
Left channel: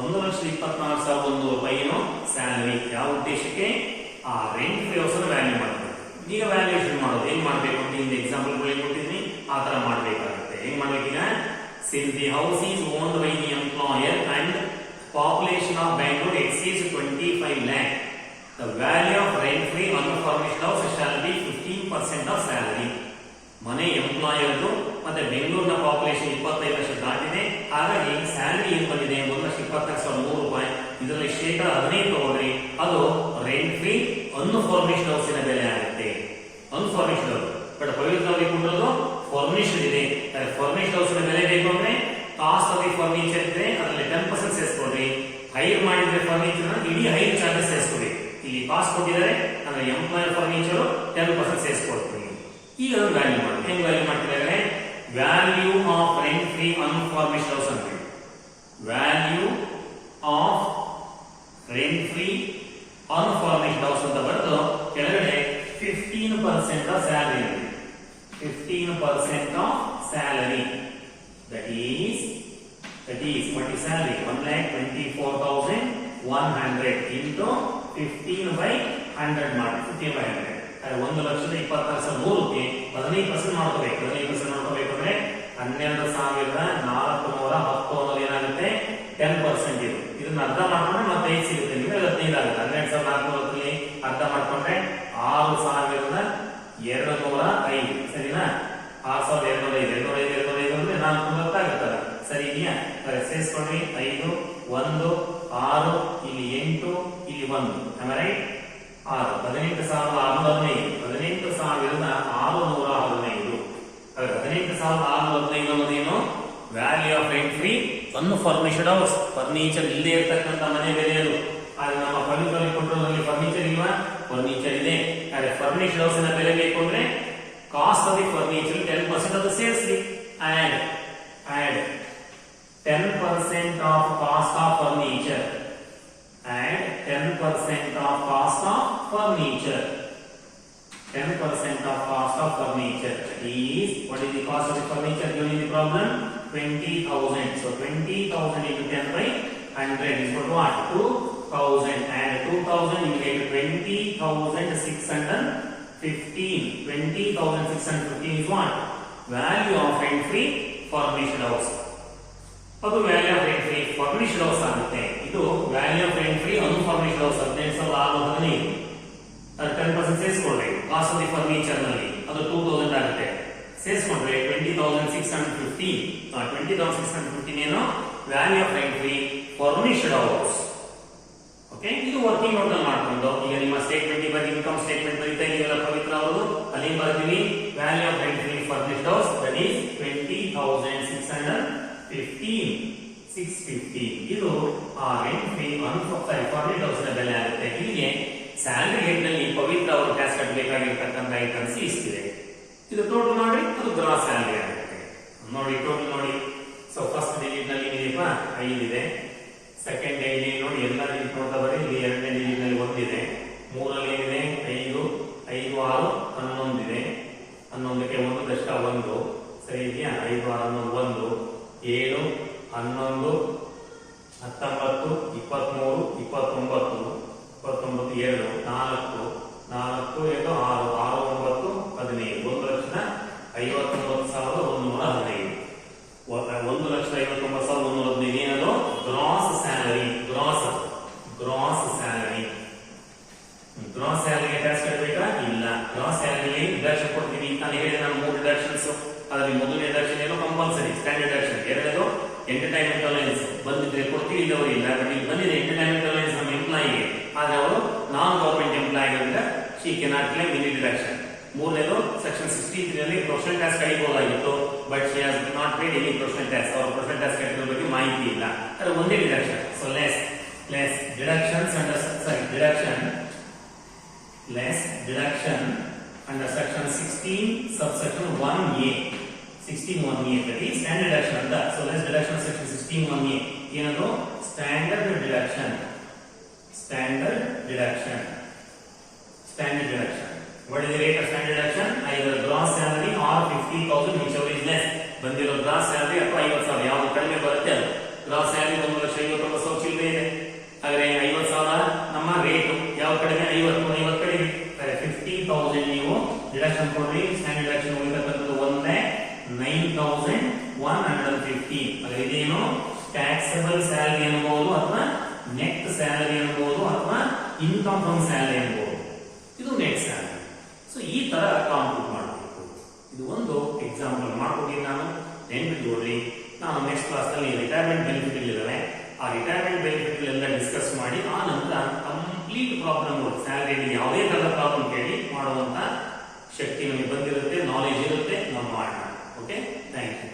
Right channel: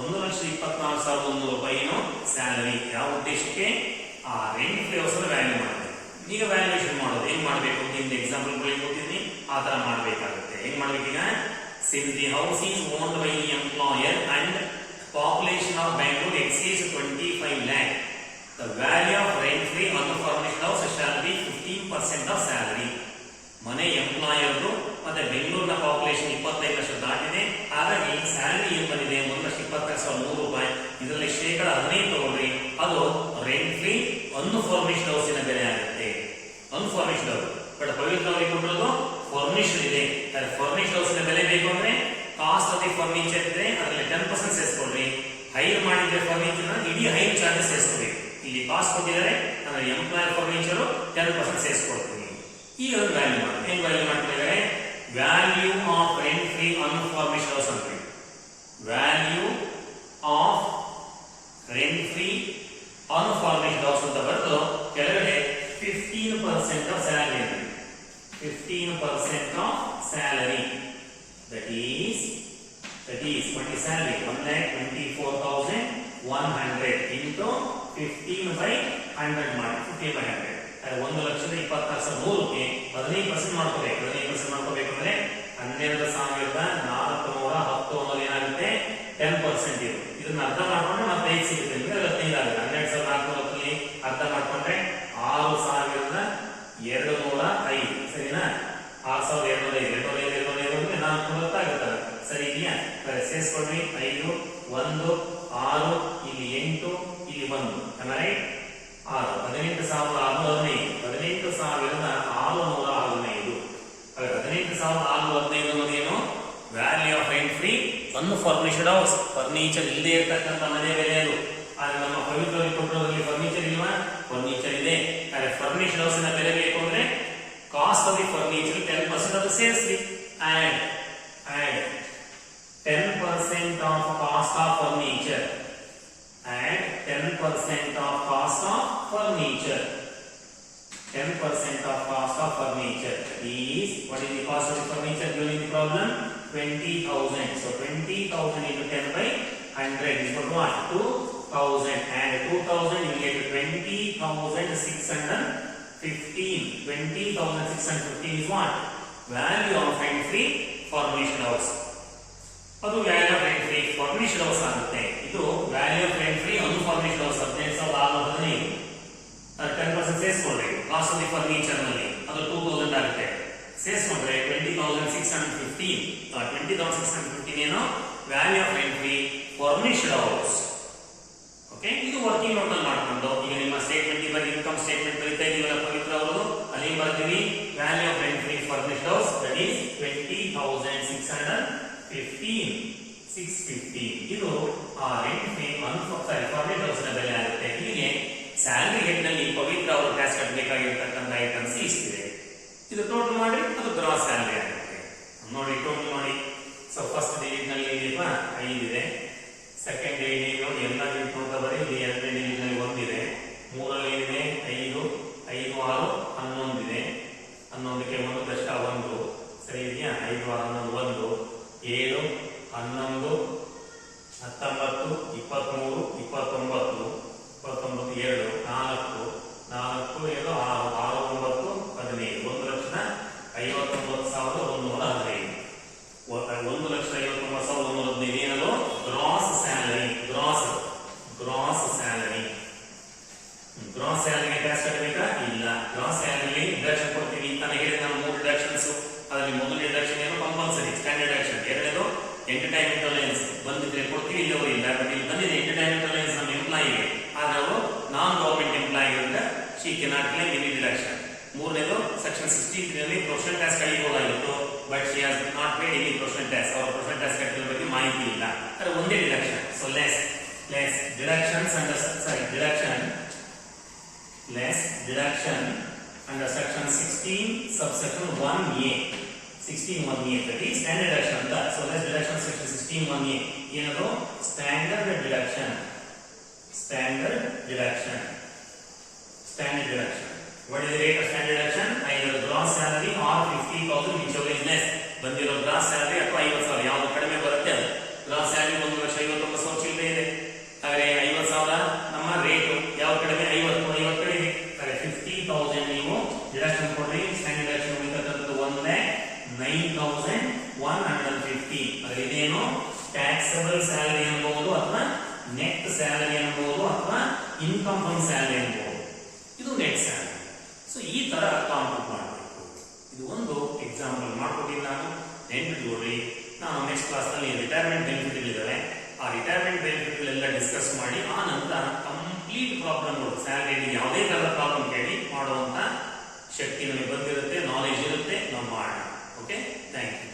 1,24,100 ರೂಪಾಯಿನೂ ಸ್ಯಾಲರಿ. ಯಾವ ಉದ್ದೇಶಕ್ಕೆ? ಆ ರೆಂಟ್ ಫ್ರೀ ಹೌಸ್ ವ್ಯಾಲ್ಯೂ ಮಾಡಬೇಕು. ಈಗ ವ್ಯಾಲ್ಯೂಯೇಷನ್ ಮಾಡೋದು ಹೆಂಗ್ ಮಾಡಬೇಕು ಅಂತ ಇಲ್ಲಿ ಎಕ್ಸಾಂಪಲ್ ಕೊಟ್ಟಿದ್ದೀನಿ, ಆ ತರ ಮಾಡಬೇಕಾಗುತ್ತೆ. ಹೆಂಗ್ ಮಾಡ್ಬೇಕೀಗ? Since the house is owned by the employer and population of Bangalore exceeds 25 lakh, the value of rent-free unfurnished house shall be 15% of salary. ಮನೆ ಎಂಪ್ಲಾಯರ್ದು ಮತ್ತೆ ಬೆಂಗಳೂರಿನ ಪಾಪ್ಯುಲೇಷನ್ 25 ಲಕ್ಷ ದಾಟಿದೆ. ಹಾಗಾಗಿ ಸ್ಯಾಲರಿ ಏನ್ ಬಂದಿದೆ? 1,24,100 ರೂಪಾಯಿ. ಇದರಲ್ಲಿ 15% ತಗೊಳ್ರಿ. ಅದು ರೆಂಟ್ ಫ್ರೀ ಅನ್ಫರ್ನಿಶ್ಡ್ ಹೌಸಿನ ಬೆಲೆ ಆಗುತ್ತೆ. ಅನ್ಫರ್ನಿಶ್ಡ್ ಹೌಸ್ ಬಟ್ ಪವಿತ್ರ ಅವರಿಗೆ ಕೊಟ್ಟಿರೋದು ಫರ್ನಿಶ್ಡ್ ಇದೆ. ಫರ್ನಿಶ್ಡ್ ಹೌಸಿನ ಬೆಲೆ ಬೇಕು ಅಂದ್ರೆ ಕಾಸ್ಟ್ ಆಫ್ ದಿ ಫರ್ನಿಚರ್ ಇದ್ರೆ ಅದರಲ್ಲಿ 10% ಸೇರಿಸ್ಕೊಳ್ರಿ. ಹೈರ್ ಮಾಡಿದ್ರೆ ಫರ್ನಿಚರ್ ಇಡೀ ಹೈರ್ ಚಾರ್ಜಸ್ ಸೇರಿಸ್ಕೊಳ್ರಿ. ಇಲ್ಲಿ ಕಾಸ್ಟ್ ಕೊಟ್ಟಿದ್ದಾರೆ ಅಂದ್ರೆ ಎಂಪ್ಲಾಯರ್ ಫರ್ನಿಚರ್ 10% ಸೇರಿಸ್ಕೊಳ್ತೀವಿ. ಈಗ ಅದನ್ನು ವ್ಯಾಲ್ಯೂ ಮಾಡಿ. ಹೆಂಗ್ ವ್ಯಾಲ್ಯೂ ಮಾಡ್ತಿದ್ದಾರೆ? Value of rent free unfurnished house ಅಂತ. Value of rent free unfurnished house ಅಂತ ಬರೆದು ಕೆಳಗಡೆ 15% of salary. 15% of salary. That is what is salary? 1,24,100 into 15/100 ಮಾಡಿ. 15/100 1,24,100ಕ್ಕೆ 15% ಮಾಡ್ಕೋಬೇಕು. 15% ಮಾಡ್ಕೋಬೇಕು ಅಂದ್ರೆ 12,410 ಅನ್ನೋದು ಏನಾಗುತ್ತೆ? 10% ಇದು. ಇದನ್ನ ಅರ್ಧ ಮಾಡ್ಕೊಂಡ್ರೆ ಮತ್ತೆ 5 ಸಿಗುತ್ತೆ. ನಿಮಗೆ 15 ಆಗುತ್ತೆ. 12,410 ಅರ್ಧ ಮಾಡ್ಕೊಂಡ್ರೆ 6,205. ಸರಿನಾ? 6,205 205 ಅಂದ್ರೆ 490 ಆಗುತ್ತಲ್ಲ. ಸರಿ ಇದೆಯಾ? ಸೇರಿಸ್ಕೊಂಡ್ರಿ. 5, 1, 6, ಇಲ್ಲಿ 8, ಇಲ್ಲಿ 1. ರೈಟ್? 6 18,615. 18,615. 18,615 ಅನ್ನೋದೇನು? Value of rent free unfurnished house. Furniture ಇಲ್ಲದೆ ಇರತಕ್ಕಂಥ ಮನೆ ಬೆಲೆ ಅದು. ಆದ್ರೆ ನಮ್ಮ ಪವಿತ್ರ ಕೊಟ್ಟರೋದ್ರಲ್ಲಿ ಫರ್ನಿಚರ್ ಇಲ್ವಾ? ಫರ್ನಿಚರ್ ಇದೆ. ಆದ್ರೆ ಫರ್ನಿಶ್ಡ್ ಹೌಸ್ ನ ಬೆಲೆ ಬೇಕು ಅಂದ್ರೆ ಕಾಸ್ಟ್ ಆಫ್ ದಿ ಫರ್ನಿಚರ್ 10% ಅದು ಸೇರಿಸಿ. Add 10% of cost of furniture. Add 10% of cost of furniture. 10% of cost of furniture is, what is the cost of the furniture given in the problem? 20,000. So 20,000 into 10/100 is equal to what? 2,000. And 2,000 you get 20,615. 20,615 is what? Value of rent free furnished house. ಅದು value of rent free furnished house ಆಗುತ್ತೆ. ಇದು value of rent free unfurnished house 18,615. 10% ಸೇರಿಸ್ಕೊಂಡ್ರೆ cost of the furniture ನಲ್ಲಿ ಅದು 2,000 ಆಗುತ್ತೆ. ಸೇರಿಸ್ಕೊಂಡ್ರೆ 20,615. 20,615 ಏನು? Value of rent free furnished house. Okay, ಇದು ವರ್ಕಿಂಗ್ ನೋಟ್ ಅಲ್ಲಿ ಮಾಡ್ಕೊಂಡು ಈಗ ನಿಮ್ಮ ಸ್ಟೇಟ್ಮೆಂಟ್ ಇವಾಗ ಇನ್ಕಮ್ ಸ್ಟೇಟ್ಮೆಂಟ್ ಬರೀತಾ ಇದೀವಲ್ಲ ಪವಿತ್ರ ಅವರು, ಅಲ್ಲಿ ಬರ್ತೀವಿ value of rent free furnished house that is 20,615. ಇದು ಆ ರೆಂಟ್ ಫ್ರೀ ಫರ್ನಿಶ್ಡ್ ಹೌಸ್ ನ ಬೆಲೆ ಆಗುತ್ತೆ. ಹೀಗೆ ಸ್ಯಾಲರಿ ರೇಟ್ ನಲ್ಲಿ ಪವಿತ್ರ ಅವರು ಟ್ಯಾಕ್ಸ್ ಕಟ್ಟಬೇಕಾಗಿರ್ತಕ್ಕಂಥ ಐಟಮ್ಸ್ ಇಷ್ಟಿದೆ. ಇದು ಟೋಟಲ್ ಮಾಡಿ ಅದು ಗ್ರಾಸ್ ಸ್ಯಾಲರಿ ಆಗುತ್ತೆ. ನೋಡಿ ಟೋಟಲ್ ನೋಡಿ. ಸೊ ಫಸ್ಟ್ ಡಿಜಿಟ್ ನಲ್ಲಿ ಏನಿದೆಯಪ್ಪ? 5 ಇದೆ. ಸೆಕೆಂಡ್ ಡಿಜಿಟ್ ನೋಡಿ ಎಲ್ಲ ಡಿಜಿಟ್ ನೋಡ್ತಾ ಬರೀ. ಇಲ್ಲಿ ಎರಡನೇ ಡಿಜಿಟ್ ನಲ್ಲಿ 1 ಇದೆ. ಮೂರಲ್ಲಿ ಏನಿದೆ? 5, 5, 6, 11 ಇದೆ. 11ಕ್ಕೆ 1 ಕಷ್ಟ 1. ಸರಿ ಇದೆಯಾ? 5 6 11 7 11 19 23 29 29 2 4 4 7 6 6 9 15 1,59,115 1,59,115 ಏನದು? Gross salary. Gross salary. Gross ಸ್ಯಾಲರಿಗೆ ಟ್ಯಾಕ್ಸ್ ಕಟ್ಟಬೇಕಾ? ಇಲ್ಲ. ಗ್ರಾಸ್ ಸ್ಯಾಲರಿ ಡಿಡಕ್ಷನ್ ಕೊಡ್ತೀವಿ. ನಾನು ಹೇಳಿದ ನಾನು 3 ಡಿಡಕ್ಷನ್ಸ್, ಅದರಲ್ಲಿ ಮೊದಲನೇ ಡಿಡಕ್ಷನ್ ಏನು? Compulsory standard deduction. ಎರಡನೇದು ಎಂಟರ್ಟೈನ್ಮೆಂಟ್ ಅಲಯನ್ಸ್. ಬಂದಿದ್ರೆ ಕೊಡ್ತೀವಿ, ಇಲ್ಲವರಿಲ್ಲ. ಬಟ್ ಇಲ್ಲಿ ಬಂದಿದೆ ಎಂಟರ್ಟೈನ್ಮೆಂಟ್ ಅಲಯನ್ಸ್ ನಮ್ಮ ಎಂಪ್ಲಾಯಿಗೆ. ಆದರೆ ಅವರು ನಾನ್ ಗವರ್ಮೆಂಟ್ ಎಂಪ್ಲಾಯಿ ಅಂತ she cannot claim any deduction. ಮೂರನೇದು ಸೆಕ್ಷನ್ 63 ನಲ್ಲಿ ಪ್ರೊಫೆಷನಲ್ ಟ್ಯಾಕ್ಸ್ ಕಡಿಬಹುದಾಗಿತ್ತು, but she has not paid any professional tax. ಅವರು ಪ್ರೊಫೆಷನಲ್ ಟ್ಯಾಕ್ಸ್ ಕಟ್ಟಿರೋ ಬಗ್ಗೆ ಮಾಹಿತಿ ಇಲ್ಲ. ಆದರೆ ಒಂದೇ deduction. So less deductions under deduction under section 16 subsection 1a. 16(1)(a) that is standard deduction ಅಂತ. So less deduction section 16(1)(a) ಏನದು? standard deduction. What is the rate of standard deduction? Either gross salary or 50,000, whichever is less. ಬಂದಿರೋ gross salary ಅಥವಾ 50,000 ಯಾವುದು ಕಡಿಮೆ ಬರುತ್ತೆ ಅದು. Gross salary 1,59,000 ಚಿಲ್ಲರೆ ಇದೆ. ಆದರೆ 50,000 ನಮ್ಮ ರೇಟು. ಯಾವ ಕಡಿಮೆ? 50 ಕಡಿಮೆ. 50,000 ನೀವು ಡಿಡಕ್ಷನ್ ಕೊಡ್ರಿ. ಸ್ಟ್ಯಾಂಡರ್ಡ್ ಡಿಡಕ್ಷನ್ ಉಳಿತಕ್ಕಂಥದ್ದು 1,09,115. ಆದರೆ ಇದೇನು? ಟ್ಯಾಕ್ಸಬಲ್ ಸ್ಯಾಲರಿ ಅನ್ಬಹುದು, ಅಥವಾ ನೆಟ್ ಸ್ಯಾಲರಿ ಅನ್ಬಹುದು, ಅಥವಾ ಇನ್ಕಮ್ ಫ್ರಮ್ ಸ್ಯಾಲರಿ ಅನ್ಬಹುದು. ಇದು ನೆಟ್ ಸ್ಯಾಲರಿ. ಸೊ ಈ ತರ ಕಾಂಪ್ಯೂಟ್ ಮಾಡಬೇಕು. ಇದು ಒಂದು ಎಕ್ಸಾಂಪಲ್ ಮಾಡ್ಕೊಟ್ಟಿದ್ದೀನಿ ನಾನು. ನೆನ್ಪಿಟ್ಕೊಡ್ರಿ. ನಾನು ನೆಕ್ಸ್ಟ್ ಕ್ಲಾಸ್ ನಲ್ಲಿ ರಿಟೈರ್ಮೆಂಟ್ ಬೆನಿಫಿಟ್ ಇಲ್ಲಿದ್ದಾರೆ. ಆ ರಿಟೈರ್ಮೆಂಟ್ ಬೆನಿಫಿಟ್ ಎಲ್ಲ ಡಿಸ್ಕಸ್ ಮಾಡಿ ಆ ನಂತರ ಕಂಪ್ಲೀಟ್ ಪ್ರಾಬ್ಲಮ್ಗಳು, ಸ್ಯಾಲರಿ ಯಾವುದೇ ತರದ ಪ್ರಾಬ್ಲಮ್ ಕೇಳಿ ಮಾಡುವಂತ ಶಕ್ತಿ ನಮಗೆ ಬಂದಿರುತ್ತೆ, ನಾಲೆಜ್ ಇರುತ್ತೆ, ನಾವು ಮಾಡೋಣ. Okay, thank you.